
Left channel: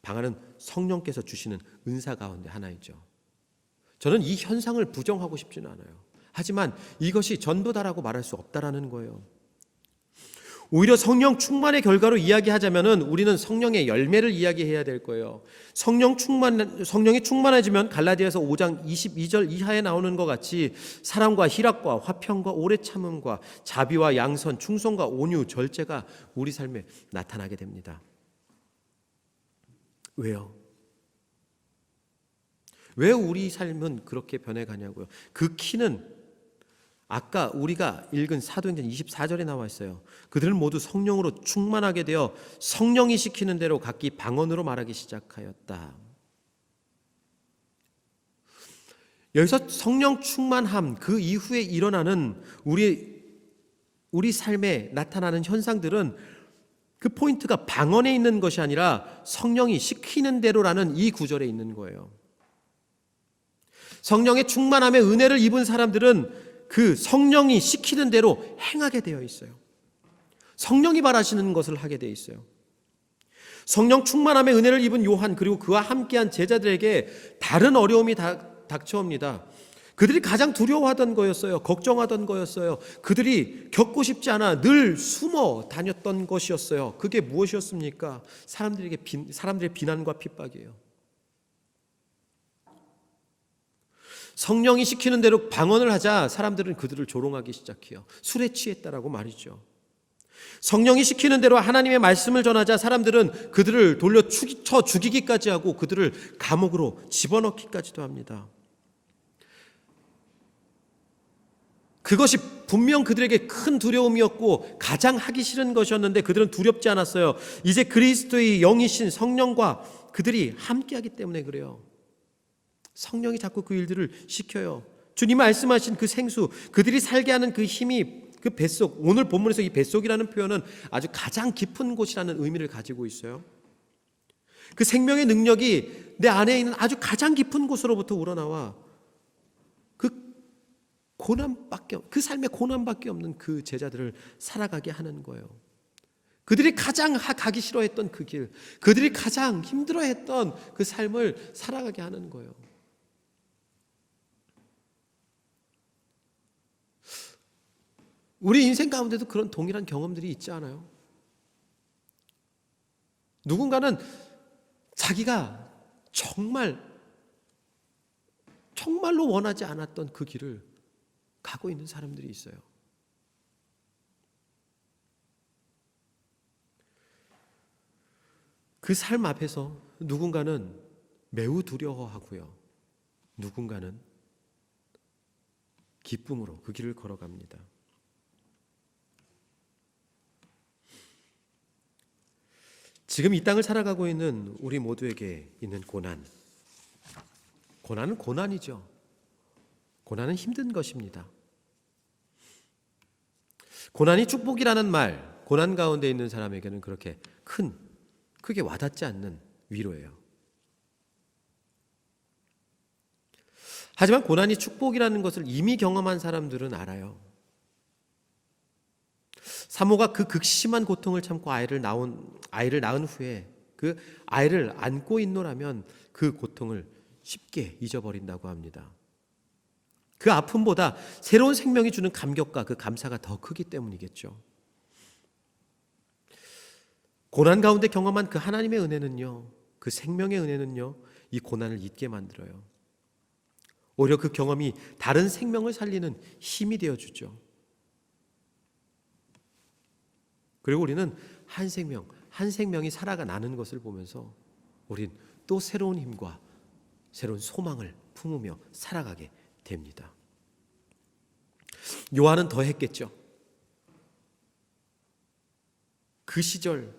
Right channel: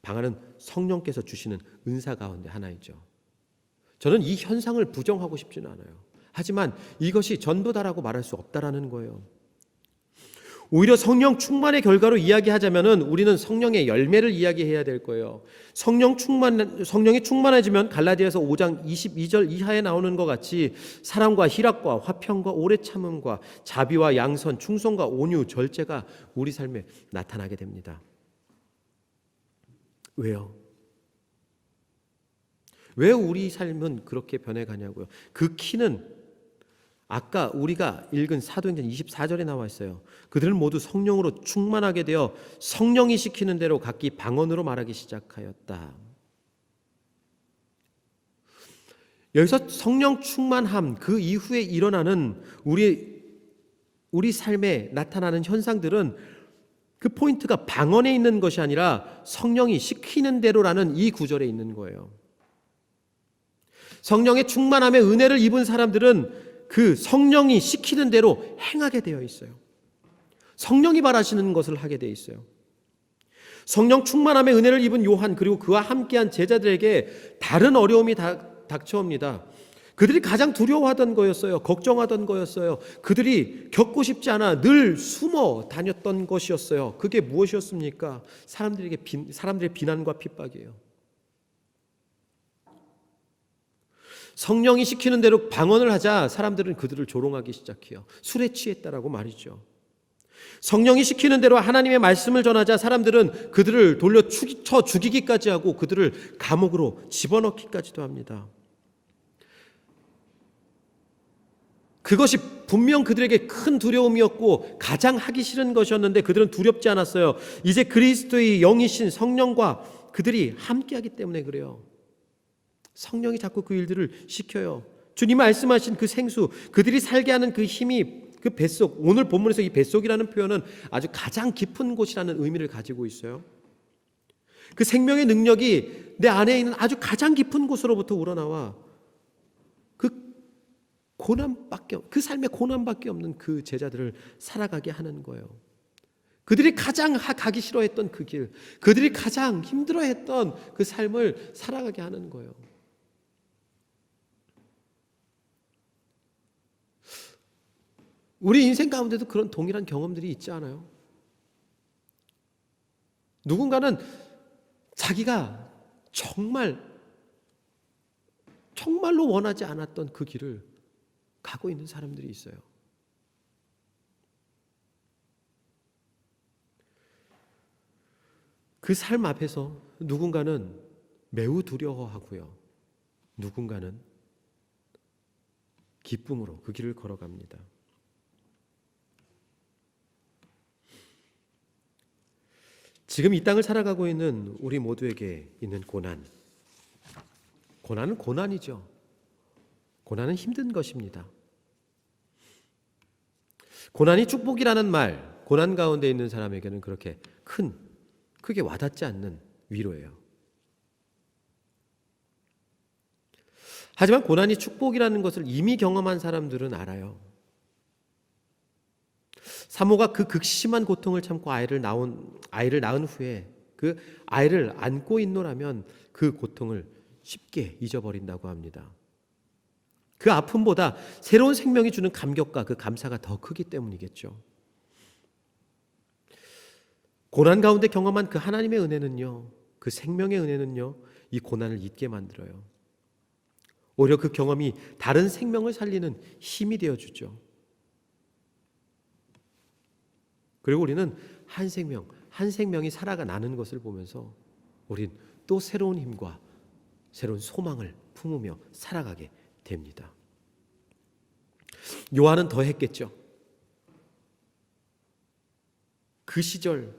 방언은 성령께서 주시는 은사 가운데 하나이죠. 저는 이 현상을 부정하고 싶지는 않아요. 하지만 이것이 전부다라고 말할 수 없다라는 거예요. 오히려 성령 충만의 결과로 이야기하자면은 우리는 성령의 열매를 이야기해야 될 거예요. 성령이 충만해지면 갈라디아서 5장 22절 이하에 나오는 것 같이 사랑과 희락과 화평과 오래 참음과 자비와 양선, 충성과 온유, 절제가 우리 삶에 나타나게 됩니다. 왜요? 왜 우리 삶은 그렇게 변해가냐고요. 그 키는 아까 우리가 읽은 사도행전 24절에 나와 있어요. 그들은 모두 성령으로 충만하게 되어 성령이 시키는 대로 각기 방언으로 말하기 시작하였다. 여기서 성령 충만함, 그 이후에 일어나는 우리 삶에 나타나는 현상들은 그 포인트가 방언에 있는 것이 아니라 성령이 시키는 대로라는 이 구절에 있는 거예요. 성령의 충만함의 은혜를 입은 사람들은 그 성령이 시키는 대로 행하게 되어 있어요. 성령이 바라시는 것을 하게 되어 있어요. 성령 충만함의 은혜를 입은 요한 그리고 그와 함께한 제자들에게 다른 어려움이 닥쳐옵니다. 그들이 가장 두려워하던 거였어요. 걱정하던 거였어요. 그들이 겪고 싶지 않아 늘 숨어 다녔던 것이었어요. 그게 무엇이었습니까? 사람들의 비난과 핍박이에요. 성령이 시키는 대로 방언을 하자 사람들은 그들을 조롱하기 시작해요. 술에 취했다라고 말이죠. 성령이 시키는 대로 하나님의 말씀을 전하자 사람들은 그들을 돌려 쳐 죽이기까지 하고 그들을 감옥으로 집어넣기까지도 합니다. 그것이 분명 그들에게 큰 두려움이었고 가장 하기 싫은 것이었는데 그들은 두렵지 않았어요. 이제 그리스도의 영이신 성령과 그들이 함께하기 때문에 그래요. 성령이 자꾸 그 일들을 시켜요. 주님 말씀하신 그 생수, 그들이 살게 하는 그 힘이 그 뱃속, 오늘 본문에서 이 뱃속이라는 표현은 아주 가장 깊은 곳이라는 의미를 가지고 있어요. 그 생명의 능력이 내 안에 있는 아주 가장 깊은 곳으로부터 우러나와 그 삶의 고난밖에 없는 그 제자들을 살아가게 하는 거예요. 그들이 가장 가기 싫어했던 그 길, 그들이 가장 힘들어했던 그 삶을 살아가게 하는 거예요. 우리 인생 가운데도 그런 동일한 경험들이 있지 않아요? 누군가는 자기가 정말로 원하지 않았던 그 길을 가고 있는 사람들이 있어요. 그 삶 앞에서 누군가는 매우 두려워하고요. 누군가는 기쁨으로 그 길을 걸어갑니다. 지금 이 땅을 살아가고 있는 우리 모두에게 있는 고난. 고난은 고난이죠. 고난은 힘든 것입니다. 고난이 축복이라는 말, 고난 가운데 있는 사람에게는 그렇게 크게 와닿지 않는 위로예요. 하지만 고난이 축복이라는 것을 이미 경험한 사람들은 알아요. 사모가 그 극심한 고통을 참고 아이를 낳은 후에 그 아이를 안고 있노라면 그 고통을 쉽게 잊어버린다고 합니다. 그 아픔보다 새로운 생명이 주는 감격과 그 감사가 더 크기 때문이겠죠. 고난 가운데 경험한 그 하나님의 은혜는요, 그 생명의 은혜는요, 이 고난을 잊게 만들어요. 오히려 그 경험이 다른 생명을 살리는 힘이 되어주죠. 그리고 우리는 한 생명이 살아나는 것을 보면서 우린 또 새로운 힘과 새로운 소망을 품으며 살아가게 됩니다. 요한은 더 했겠죠. 그 시절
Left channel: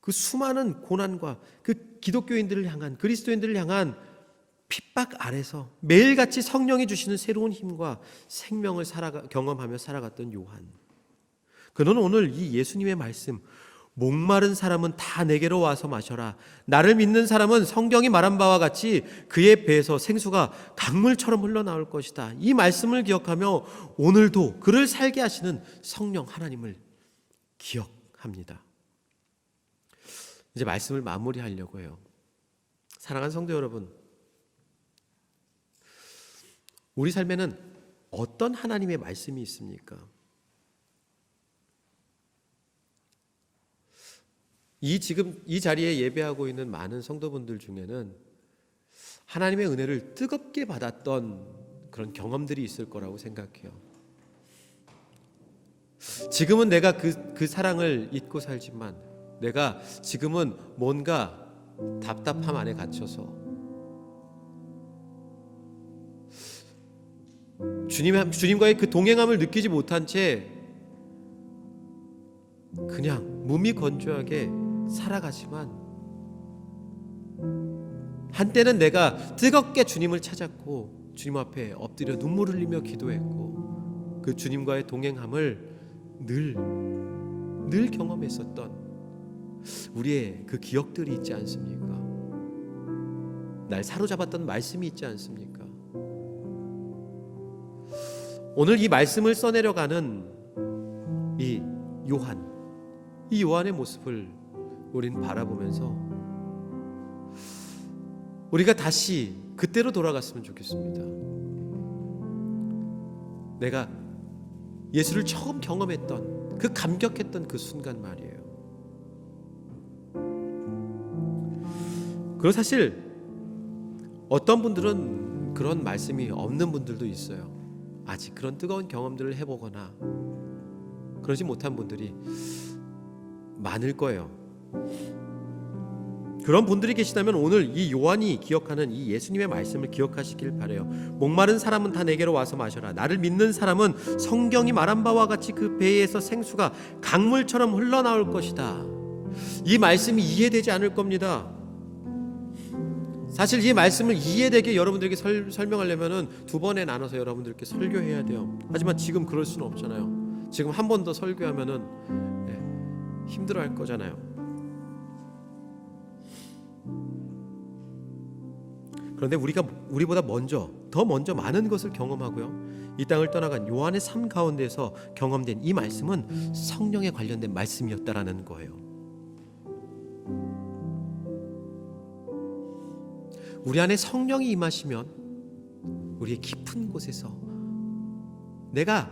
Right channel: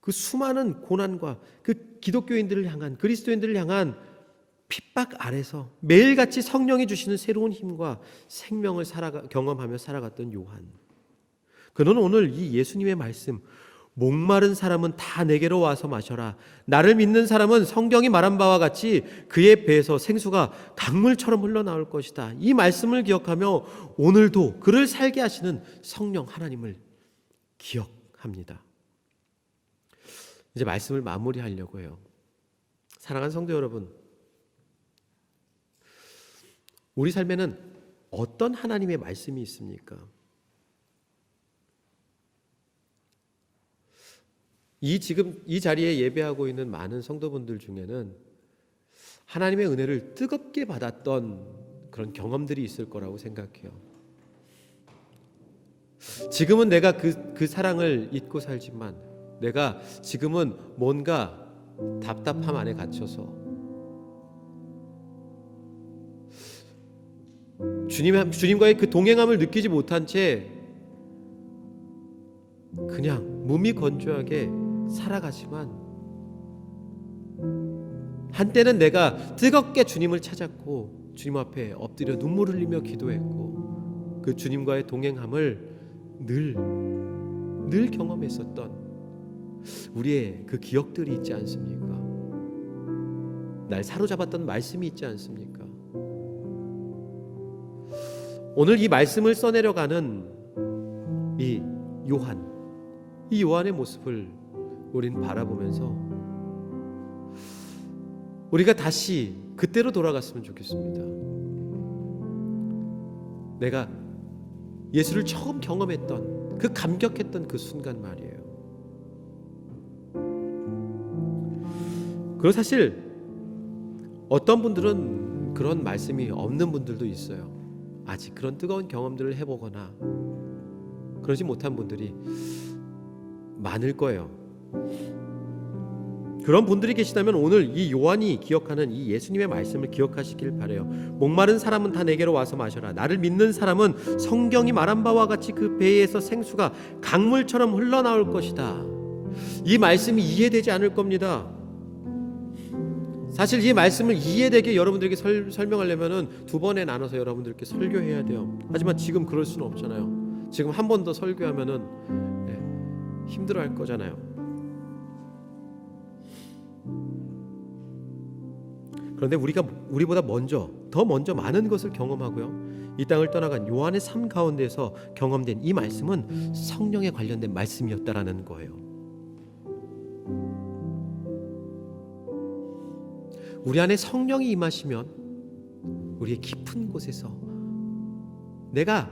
그 수많은 고난과 그 기독교인들을 향한, 그리스도인들을 향한 핍박 아래서 매일같이 성령이 주시는 새로운 힘과 생명을 경험하며 살아갔던 요한. 그는 오늘 이 예수님의 말씀, 목마른 사람은 다 내게로 와서 마셔라. 나를 믿는 사람은 성경이 말한 바와 같이 그의 배에서 생수가 강물처럼 흘러나올 것이다. 이 말씀을 기억하며 오늘도 그를 살게 하시는 성령 하나님을 기억합니다. 이제 말씀을 마무리하려고 해요. 사랑하는 성도 여러분, 우리 삶에는 어떤 하나님의 말씀이 있습니까? 지금 이 자리에 예배하고 있는 많은 성도분들 중에는 하나님의 은혜를 뜨겁게 받았던 그런 경험들이 있을 거라고 생각해요. 지금은 내가 그 사랑을 잊고 살지만 내가 지금은 뭔가 답답함 안에 갇혀서 주님과의 그 동행함을 느끼지 못한 채 그냥 무미건조하게 살아가지만 한때는 내가 뜨겁게 주님을 찾았고 주님 앞에 엎드려 눈물 흘리며 기도했고 그 주님과의 동행함을 늘 경험했었던 우리의 그 기억들이 있지 않습니까? 날 사로잡았던 말씀이 있지 않습니까? 오늘 이 말씀을 써내려가는 이 요한의 모습을 우린 바라보면서 우리가 다시 그때로 돌아갔으면 좋겠습니다. 내가 예수를 처음 경험했던 그 감격했던 그 순간 말이에요. 그리고 사실 어떤 분들은 그런 말씀이 없는 분들도 있어요. 아직 그런 뜨거운 경험들을 해보거나 그러지 못한 분들이 많을 거예요. 그런 분들이 계시다면 오늘 이 요한이 기억하는 이 예수님의 말씀을 기억하시길 바라요. 목마른 사람은 다 내게로 와서 마셔라. 나를 믿는 사람은 성경이 말한 바와 같이 그 배에서 생수가 강물처럼 흘러나올 것이다. 이 말씀이 이해되지 않을 겁니다. 사실 이 말씀을 이해되게 여러분들에게 설명하려면 두 번에 나눠서 여러분들께 설교해야 돼요. 하지만 지금 그럴 수는 없잖아요. 지금 한 번 더 설교하면은 힘들어할 거잖아요. 그런데 우리보다 더 먼저 많은 것을 경험하고요. 이 땅을 떠나간 요한의 삶 가운데서 경험된 이 말씀은 성령에 관련된 말씀이었다라는 거예요. 우리 안에 성령이 임하시면 우리의 깊은 곳에서 내가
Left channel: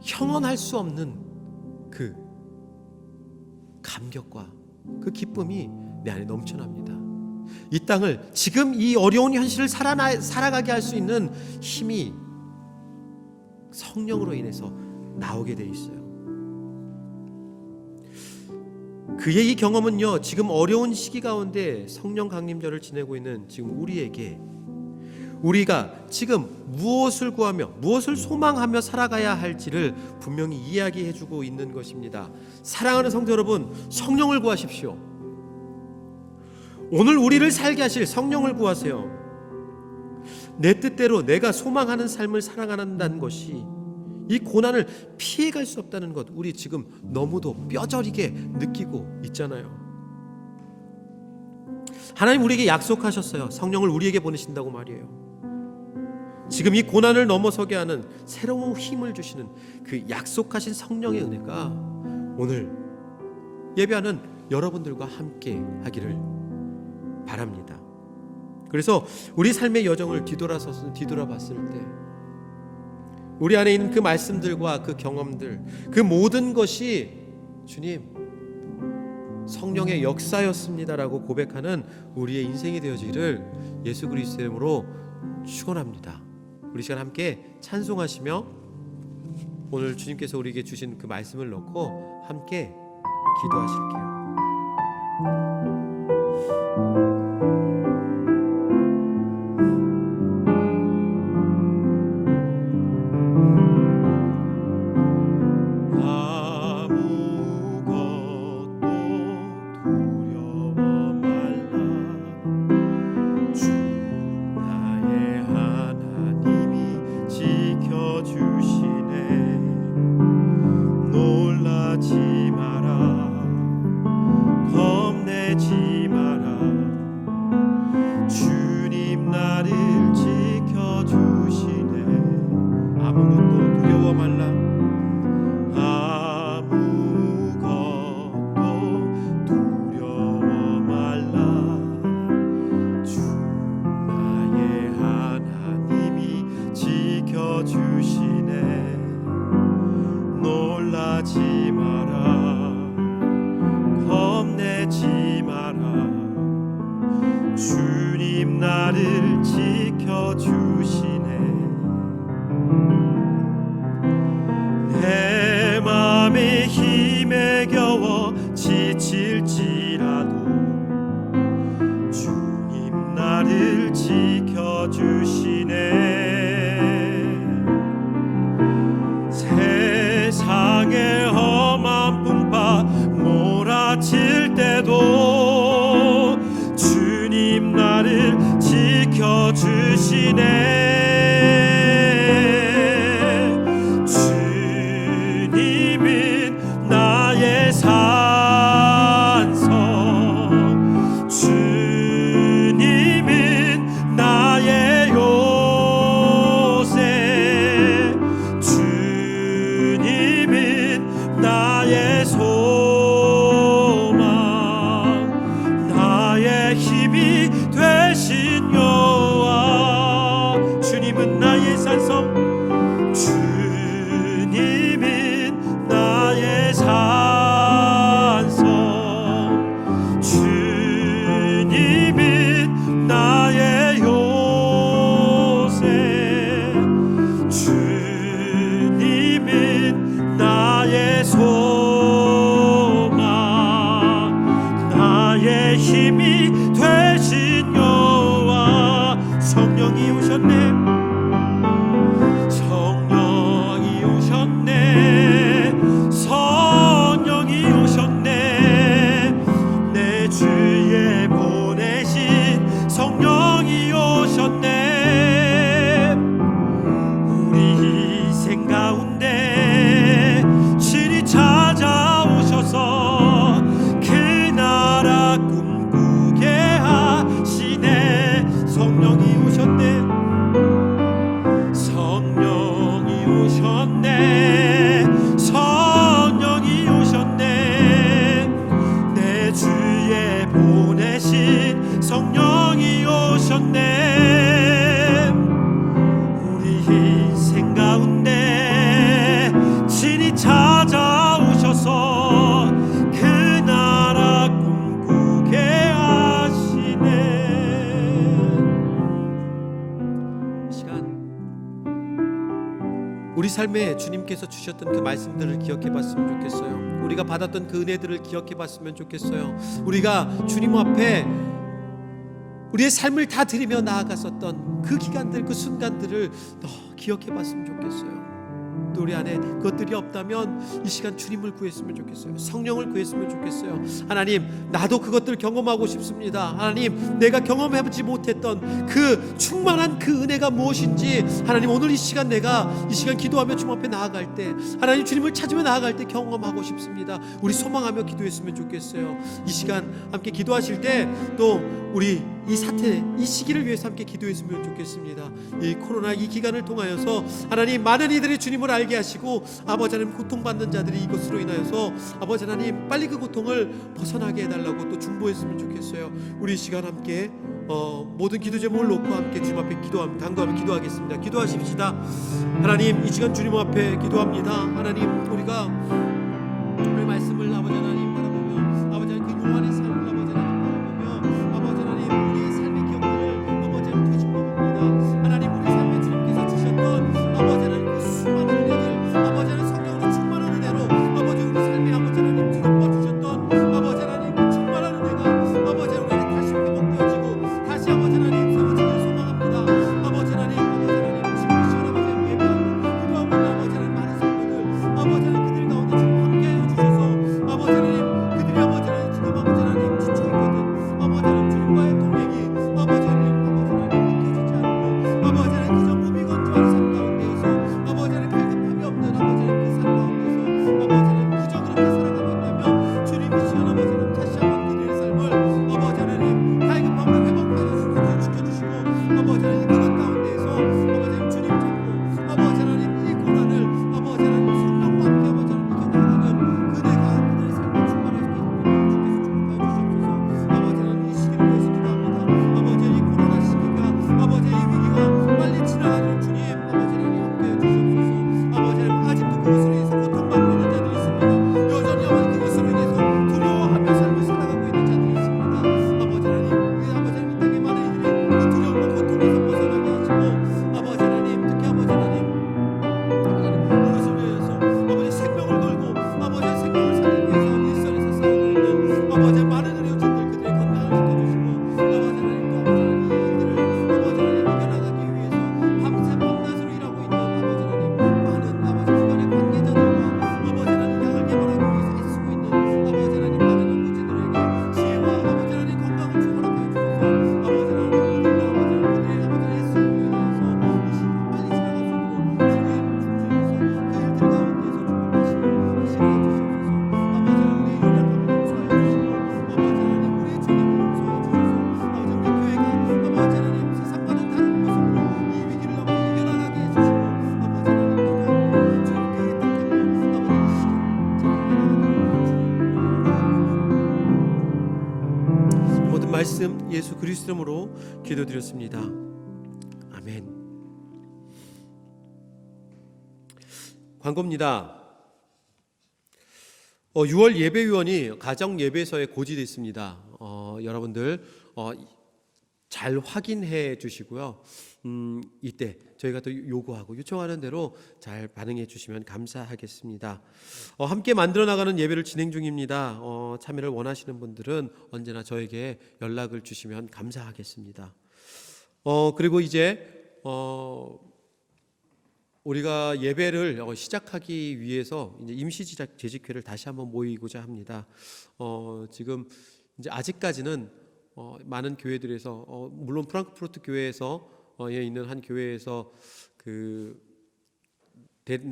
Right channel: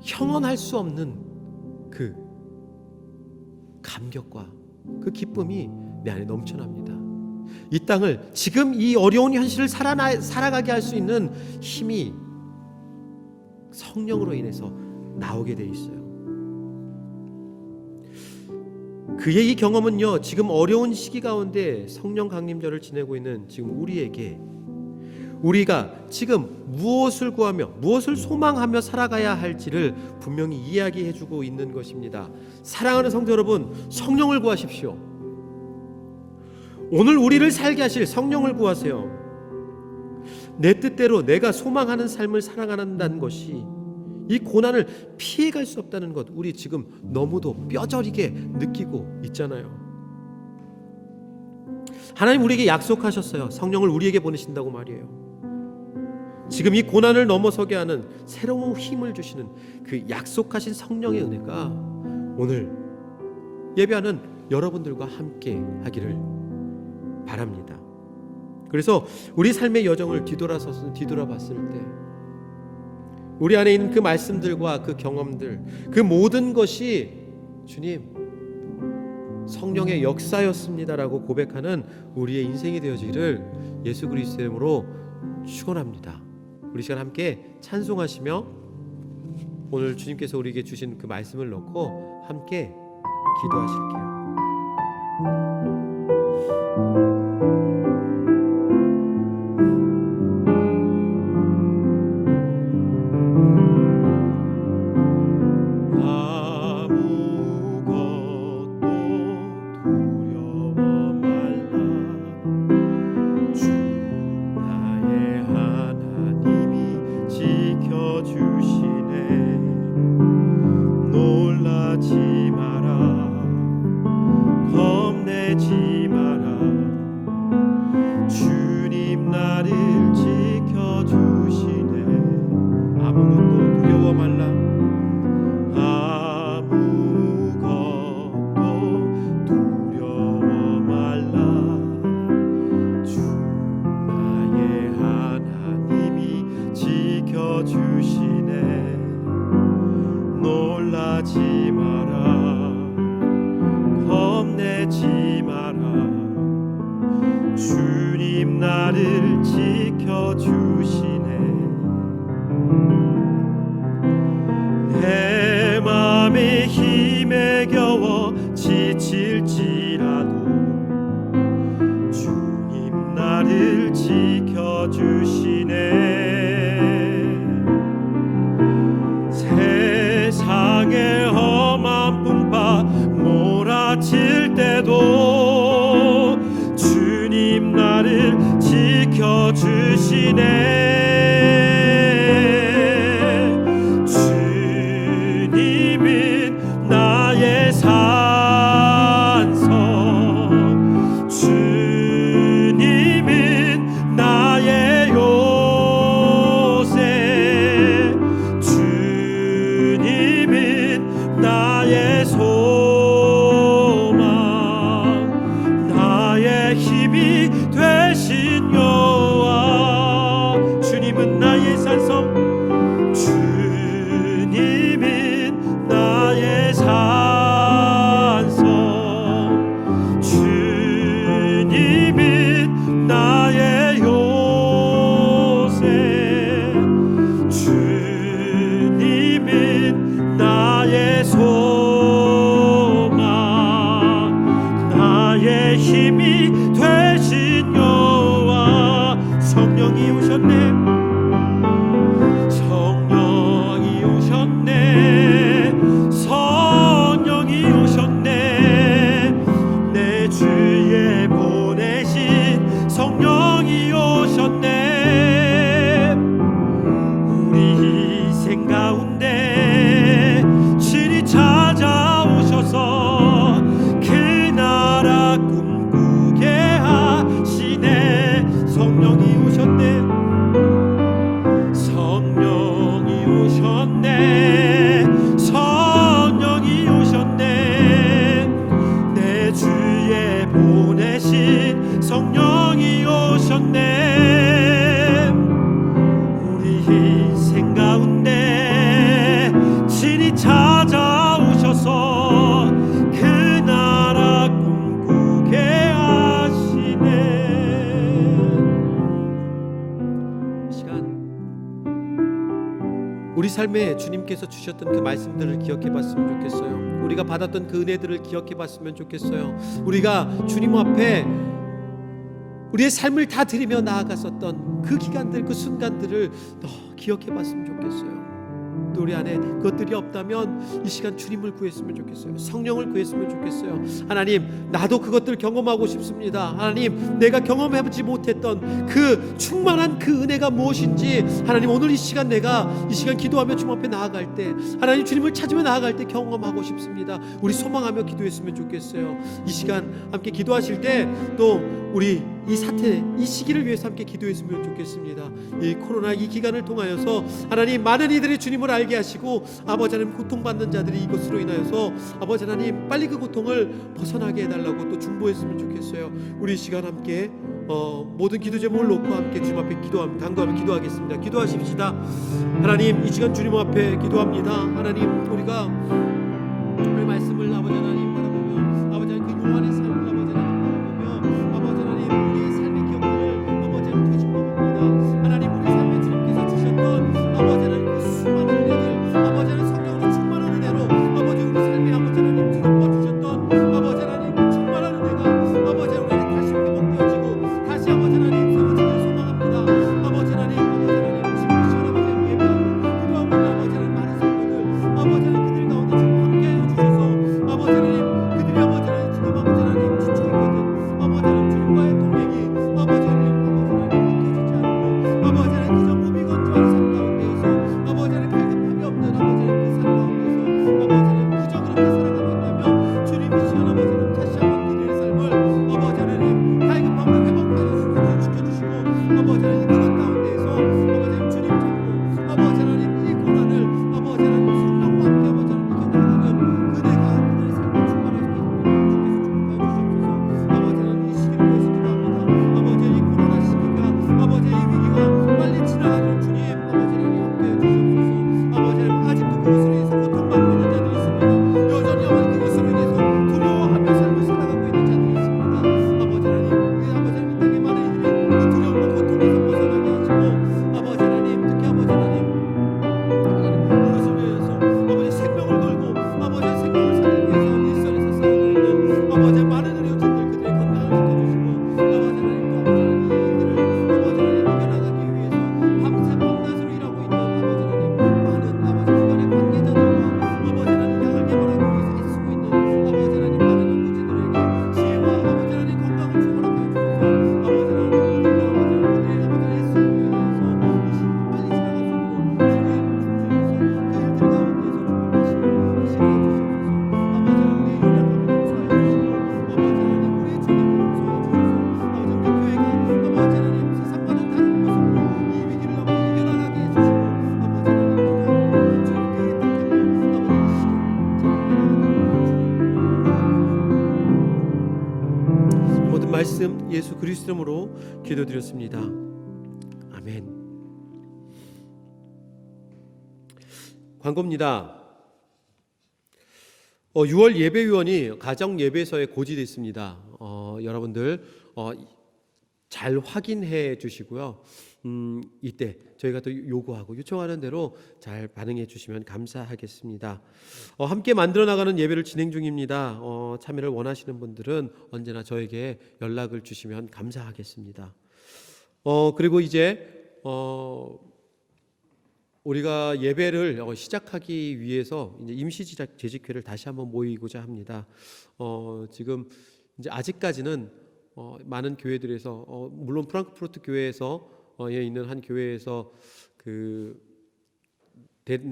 형언할 수 없는 그 감격과 그 기쁨이 내 안에 넘쳐납니다. 이 땅을 지금 이 어려운 현실을 살아가게 할 수 있는 힘이 성령으로 인해서 나오게 돼 있어요. 그의 이 경험은요, 지금 어려운 시기 가운데 성령 강림절을 지내고 있는 지금 우리에게, 우리가 지금 무엇을 구하며 무엇을 소망하며 살아가야 할지를 분명히 이야기해주고 있는 것입니다. 사랑하는 성도 여러분, 성령을 구하십시오. 오늘 우리를 살게 하실 성령을 구하세요. 내 뜻대로 내가 소망하는 삶을 살아간다는 것이, 이 고난을 피해갈 수 없다는 것, 우리 지금 너무도 뼈저리게 느끼고 있잖아요. 하나님 우리에게 약속하셨어요. 성령을 우리에게 보내신다고 말이에요. 지금 이 고난을 넘어서게 하는 새로운 힘을 주시는 그 약속하신 성령의 은혜가 오늘 예배하는 여러분들과 함께 하기를 바랍니다. 그래서 우리 삶의 여정을 뒤돌아봤을 때 우리 안에 있는 그 말씀들과 그 경험들, 그 모든 것이 주님 성령의 역사였습니다라고 고백하는 우리의 인생이 되어지기를 예수 그리스도의 이름으로 축원합니다. 우리 시간 함께 찬송하시며 오늘 주님께서 우리에게 주신 그 말씀을 넣고 함께 기도하실게요. 주님 나를 지켜주시네. 내 맘에 힘에 겨워 지칠지라도 주님 나를 지켜주시네. 세상의 험한 풍파 몰아칠 때도 주님 나를 지켜주시네. 주님은 나의 산성, 주님은 나의 요새, 주님은 나의 소망, 나의 힘이 되신 여호와. 주님은 나의 산성, 주님은 나의 산성, 주님은 나의 요새, 주님은 나의 소망, 나의 힘이 되신 여호와. 성령이 오셨네, 성령이 오셨네, 성령이 오셨네. 내 주에 보내신 성령이 오셨네. 우리 인생 가운데 신이 찾아오셔서 그 나라 꿈꾸게 하시네. 성령이 오셨네, 성령이 오셨네, 성령이 오셨네. 내 주에 보내신 성령이 오셨네. 우리 인생 가운데 신이 찾아오셔서 그 나라 꿈꾸게 하시네. 시간 우리 우리 삶에 주님께서 주셨던 그 말씀들을 기억해 봤으면 좋겠어요. 우리가 받았던 그 은혜들을 기억해 봤으면 좋겠어요. 우리가 주님 앞에 우리의 삶을 다 드리며 나아갔었던 그 기간들, 그 순간들을 기억해 봤으면 좋겠어요. 또 우리 안에 그것들이 없다면 이 시간 주님을 구했으면 좋겠어요. 성령을 구했으면 좋겠어요. 하나님, 나도 그것들을 경험하고 싶습니다. 하나님, 내가 경험해보지 못했던 그 충만한 그 은혜가 무엇인지 하나님, 오늘 이 시간 내가 이 시간 기도하며 주님 앞에 나아갈 때, 하나님 주님을 찾으며 나아갈 때 경험하고 싶습니다. 우리 소망하며 기도했으면 좋겠어요. 이 시간 함께 기도하실 때 또 우리 이 사태, 이 시기를 위해서 함께 기도했으면 좋겠습니다. 이 코로나 이 기간을 통하여서 하나님, 많은 이들이 주님을 알게 하시고 아버지 하나님, 고통받는 자들이 이것으로 인하여서 아버지 하나님, 빨리 그 고통을 벗어나게 해달라고 또 중보했으면 좋겠어요. 우리 이 시간 함께 모든 기도 제목을 놓고 함께 주님 앞에 당도하며 기도하겠습니다. 기도하십시다. 하나님, 이 시간 주님 앞에 기도합니다. 하나님, 우리가 오늘 말씀을 아버지 하나님 바라보며 아버지 하나님 그 요한의 삶을 아버지 하나님 바라보며 아버지 하나님 우리의 삶의 기억들을 아버지 하나님 되짚어봅니다. 하나님, 우리 삶에 주님께서 주셨던 아버지 하나님 그 수많은 은혜들, 아버지 하나님 성령으로 충만한 은혜로 아버지 우리 삶에 아버지 하나님 드러워 주셨던 아버지 하나님 그 충만한 은혜가 아버지 하나님 다시 회복되어지고 다시 아버지 하나님 세워지길 소망합니다. 아버지 하나님 지금 이 시간 아버지 하나님 예배하고 기도하고 있는 아버지 하나님 많은 성도들 아버지 하나님 그들 가운데 지금 함께하여 주셔서 아버지 하나님 그들이 아버지 하나님 지금 아버지 하나님 지쳐 있거든 아버지 하나님 주님과의 동행이 아버지 하나님 믿겨지지 않고 아버지 하나님 그저 무미건조한 삶 가운데에서 아버지 하나님 갈급함이 없는 아버지 하나님 그 삶 가운데서 아버지 하나님 그저 그렇게 살아가고 있다면 주님 이 시간 아버지 하나님 다시 한번 그들의 삶을 아버지 하나님 갈급함을 회복하여 지켜주시고 아버지 하나님 그것 가운데에서 아버지 하나님 주님 잡고 아버지 하나님 이 고난을 아버지 하나님 성령과 함께 아버지 하나님 이겨나가는 그대가 그들의 삶을 충만하게 주께서 축복하여 주시옵소서. 아버지 하나님 이 시기를 위해서 기도합니다. 아버지 하나님 코로나 시기가 아버지 이 위기가 빨리 지나가는 주님 아버지 하나님 함께해 주시옵소서. 아버지 하나님 아직도 그것으로 인해서 고통받고 있는 자들이 있습니다. 여전히 아버지 그것으로 인해서 두려워하며 삶을 살아가고 있는 자들이 있습니다. 아버지 하나님 그 아버지 하나님 이 땅에 많은 이들이 그 두려움과 고통에서 벗어나게 하시고 아버지 하나님 특히 아버지 하나님 이것을 위해서 아버지 생명을 걸고 아버지 생명을 살리기 위해서 일선에서 싸우고 있는 아버지 많은 의료진들 그들의 건강을 지켜주시고 아버지 하나님 또 아버지 하나님 이 일들을 아버지 하나님 이겨나가기 위해서 밤새 밤낮으로 일하고 있는 아버지 하나님 많은 아버지 기관의 관계자들과 아버지 하나님 양을 개발하기 위해서 애쓰고 있는 아버지 하나님 많은 연구진들에게 지혜와 아버지 하나님 건강을 주 허락하여 주셔서 아버지 하나님 이들과 아버지 하나님 그들의 아버지 애쓰고 인하여서 이 시기가 빨리 지나갈 수 있도록 주님 중심에서 그 일들 가운데에서 축복하시고 실행해 주시옵소서. 아버지 하나님 우리의 연약함을 용서하여 주시고 아버지 하나님 우리의 죄를 용서하여 주셔서 아버지 우리 교회가 아버지 하나님 세상과는 다른 모습으로 이 위기를 아버지 이겨나가게 해주시고 아버지 하나님 기도하고 주님 교회 택하며 아버지 이 시기를 잘 이겨나가도록 모든 말씀 예수 그리스도 이름으로 기도드렸습니다. 아멘. 광고입니다. 6월 예배위원이 가정 예배서에 고지되어 있습니다. 여러분들 잘 확인해 주시고요. 이때 저희가 또 요구하고 요청하는 대로 잘 반응해 주시면 감사하겠습니다. 함께 만들어 나가는 예배를 진행 중입니다. 참여를 원하시는 분들은 언제나 저에게 연락을 주시면 감사하겠습니다. 그리고 이제 우리가 예배를 시작하기 위해서 이제 임시 재직회를 다시 한번 모이고자 합니다. 지금 이제 아직까지는 많은 교회들에서 물론 프랑크푸르트 교회에서 있는 한 교회에서 그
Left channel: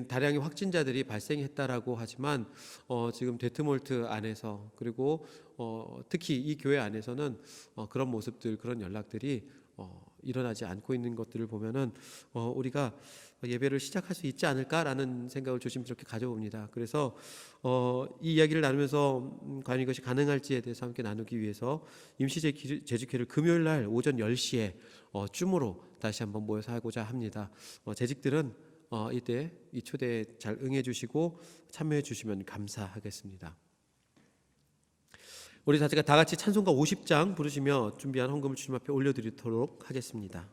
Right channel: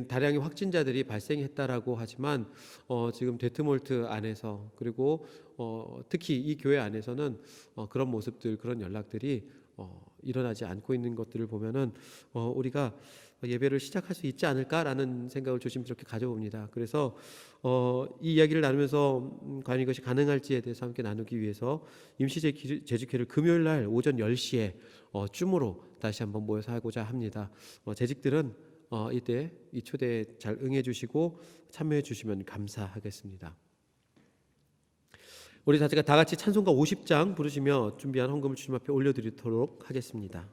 다량의 확진자들이 발생했다라고 하지만 지금 데트몰트 안에서 그리고 특히 이 교회 안에서는 그런 모습들 그런 연락들이 일어나지 않고 있는 것들을 보면은 우리가 예배를 시작할 수 있지 않을까라는 생각을 조심스럽게 가져봅니다. 그래서 이 이야기를 나누면서 과연 이것이 가능할지에 대해서 함께 나누기 위해서 임시 재직회를 금요일 날 오전 10시에 줌으로 다시 한번 모여서 하고자 합니다. 재직들은 이때 이 초대에 잘 응해 주시고 참여해 주시면 감사하겠습니다. 우리 다 같이 찬송가 50장 부르시며 준비한 헌금을 주님 앞에 올려드리도록 하겠습니다.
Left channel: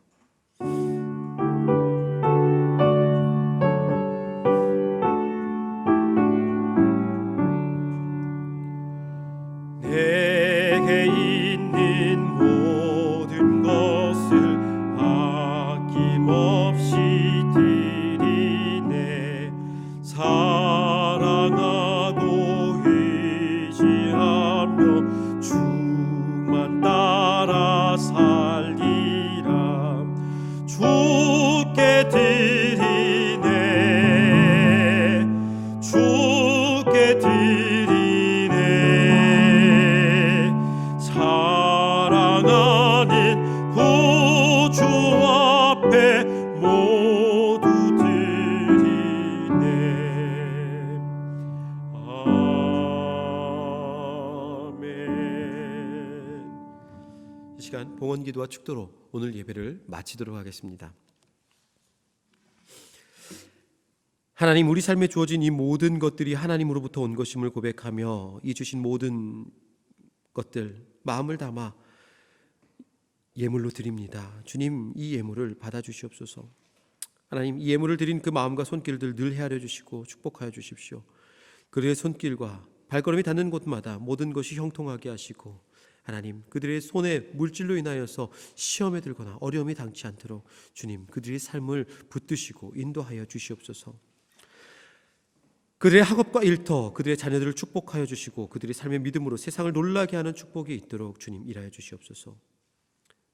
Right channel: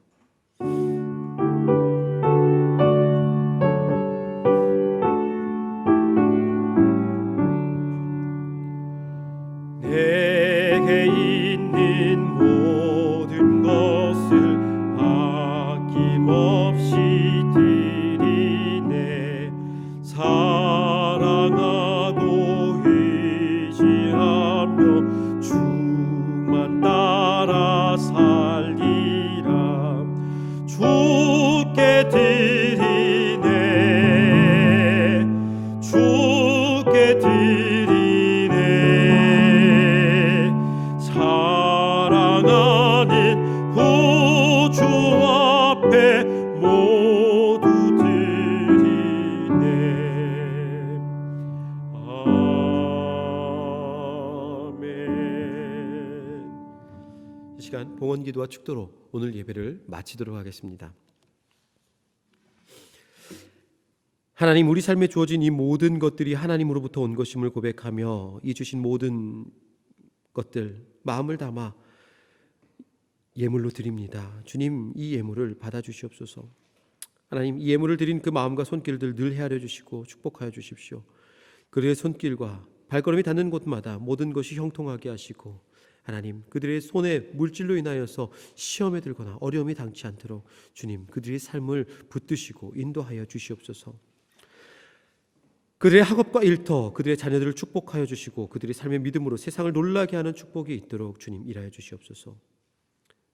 사랑하는 구주 앞에 모두 드리네. 아멘. 이 시간 봉헌기도와 축도로 오늘 예배를 마치도록 하겠습니다. 하나님, 우리 삶에 주어진 이 모든 것들이 하나님으로부터 온 것임을 고백하며 이 주신 모든 것들 마음을 담아 예물로 드립니다. 주님, 이 예물을 받아주시옵소서. 하나님, 이 예물을 드린 그 마음과 손길들 늘 헤아려 주시고 축복하여 주십시오. 그들의 손길과 발걸음이 닿는 곳마다 모든 것이 형통하게 하시고, 하나님, 그들의 손에 물질로 인하여서 시험에 들거나 어려움이 당치 않도록 주님, 그들의 삶을 붙드시고 인도하여 주시옵소서. 그들의 학업과 일터, 그들의 자녀들을 축복하여 주시고 그들의 삶의 믿음으로 세상을 놀라게 하는 축복이 있도록 주님 일하여 주시옵소서.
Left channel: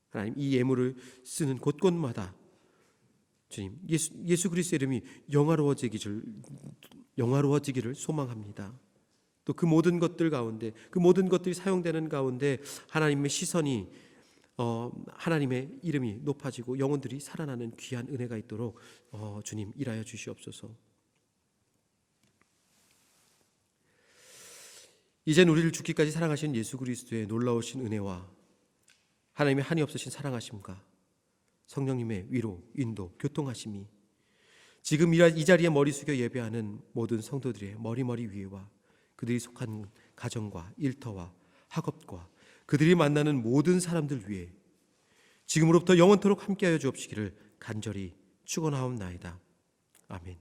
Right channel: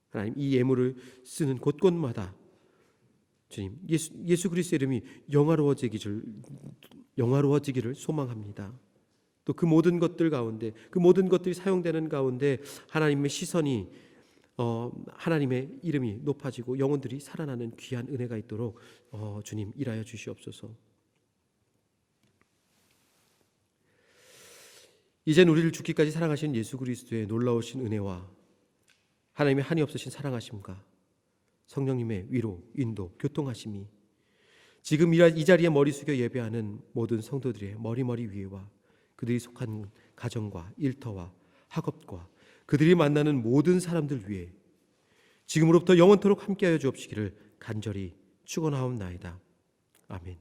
하나님, 이 예물을 쓰는 곳곳마다 주님, 예수 그리스도의 이름이 영화로워지기를 소망합니다. 또 그 모든 것들 가운데, 그 모든 것들이 사용되는 가운데 하나님의 시선이 하나님의 이름이 높아지고 영혼들이 살아나는 귀한 은혜가 있도록 주님 일하여 주시옵소서. 이젠 우리를 죽기까지 사랑하신 예수 그리스도의 놀라우신 은혜와 하나님의 한이 없으신 사랑하심과 성령님의 위로, 인도, 교통하심이 지금 이 자리에 머리 숙여 예배하는 모든 성도들의 머리 위에와 그들이 속한 가정과 일터와 학업과 그들이 만나는 모든 사람들 위에 지금으로부터 영원토록 함께하여 주옵시기를 간절히 축원하옵나이다. 아멘.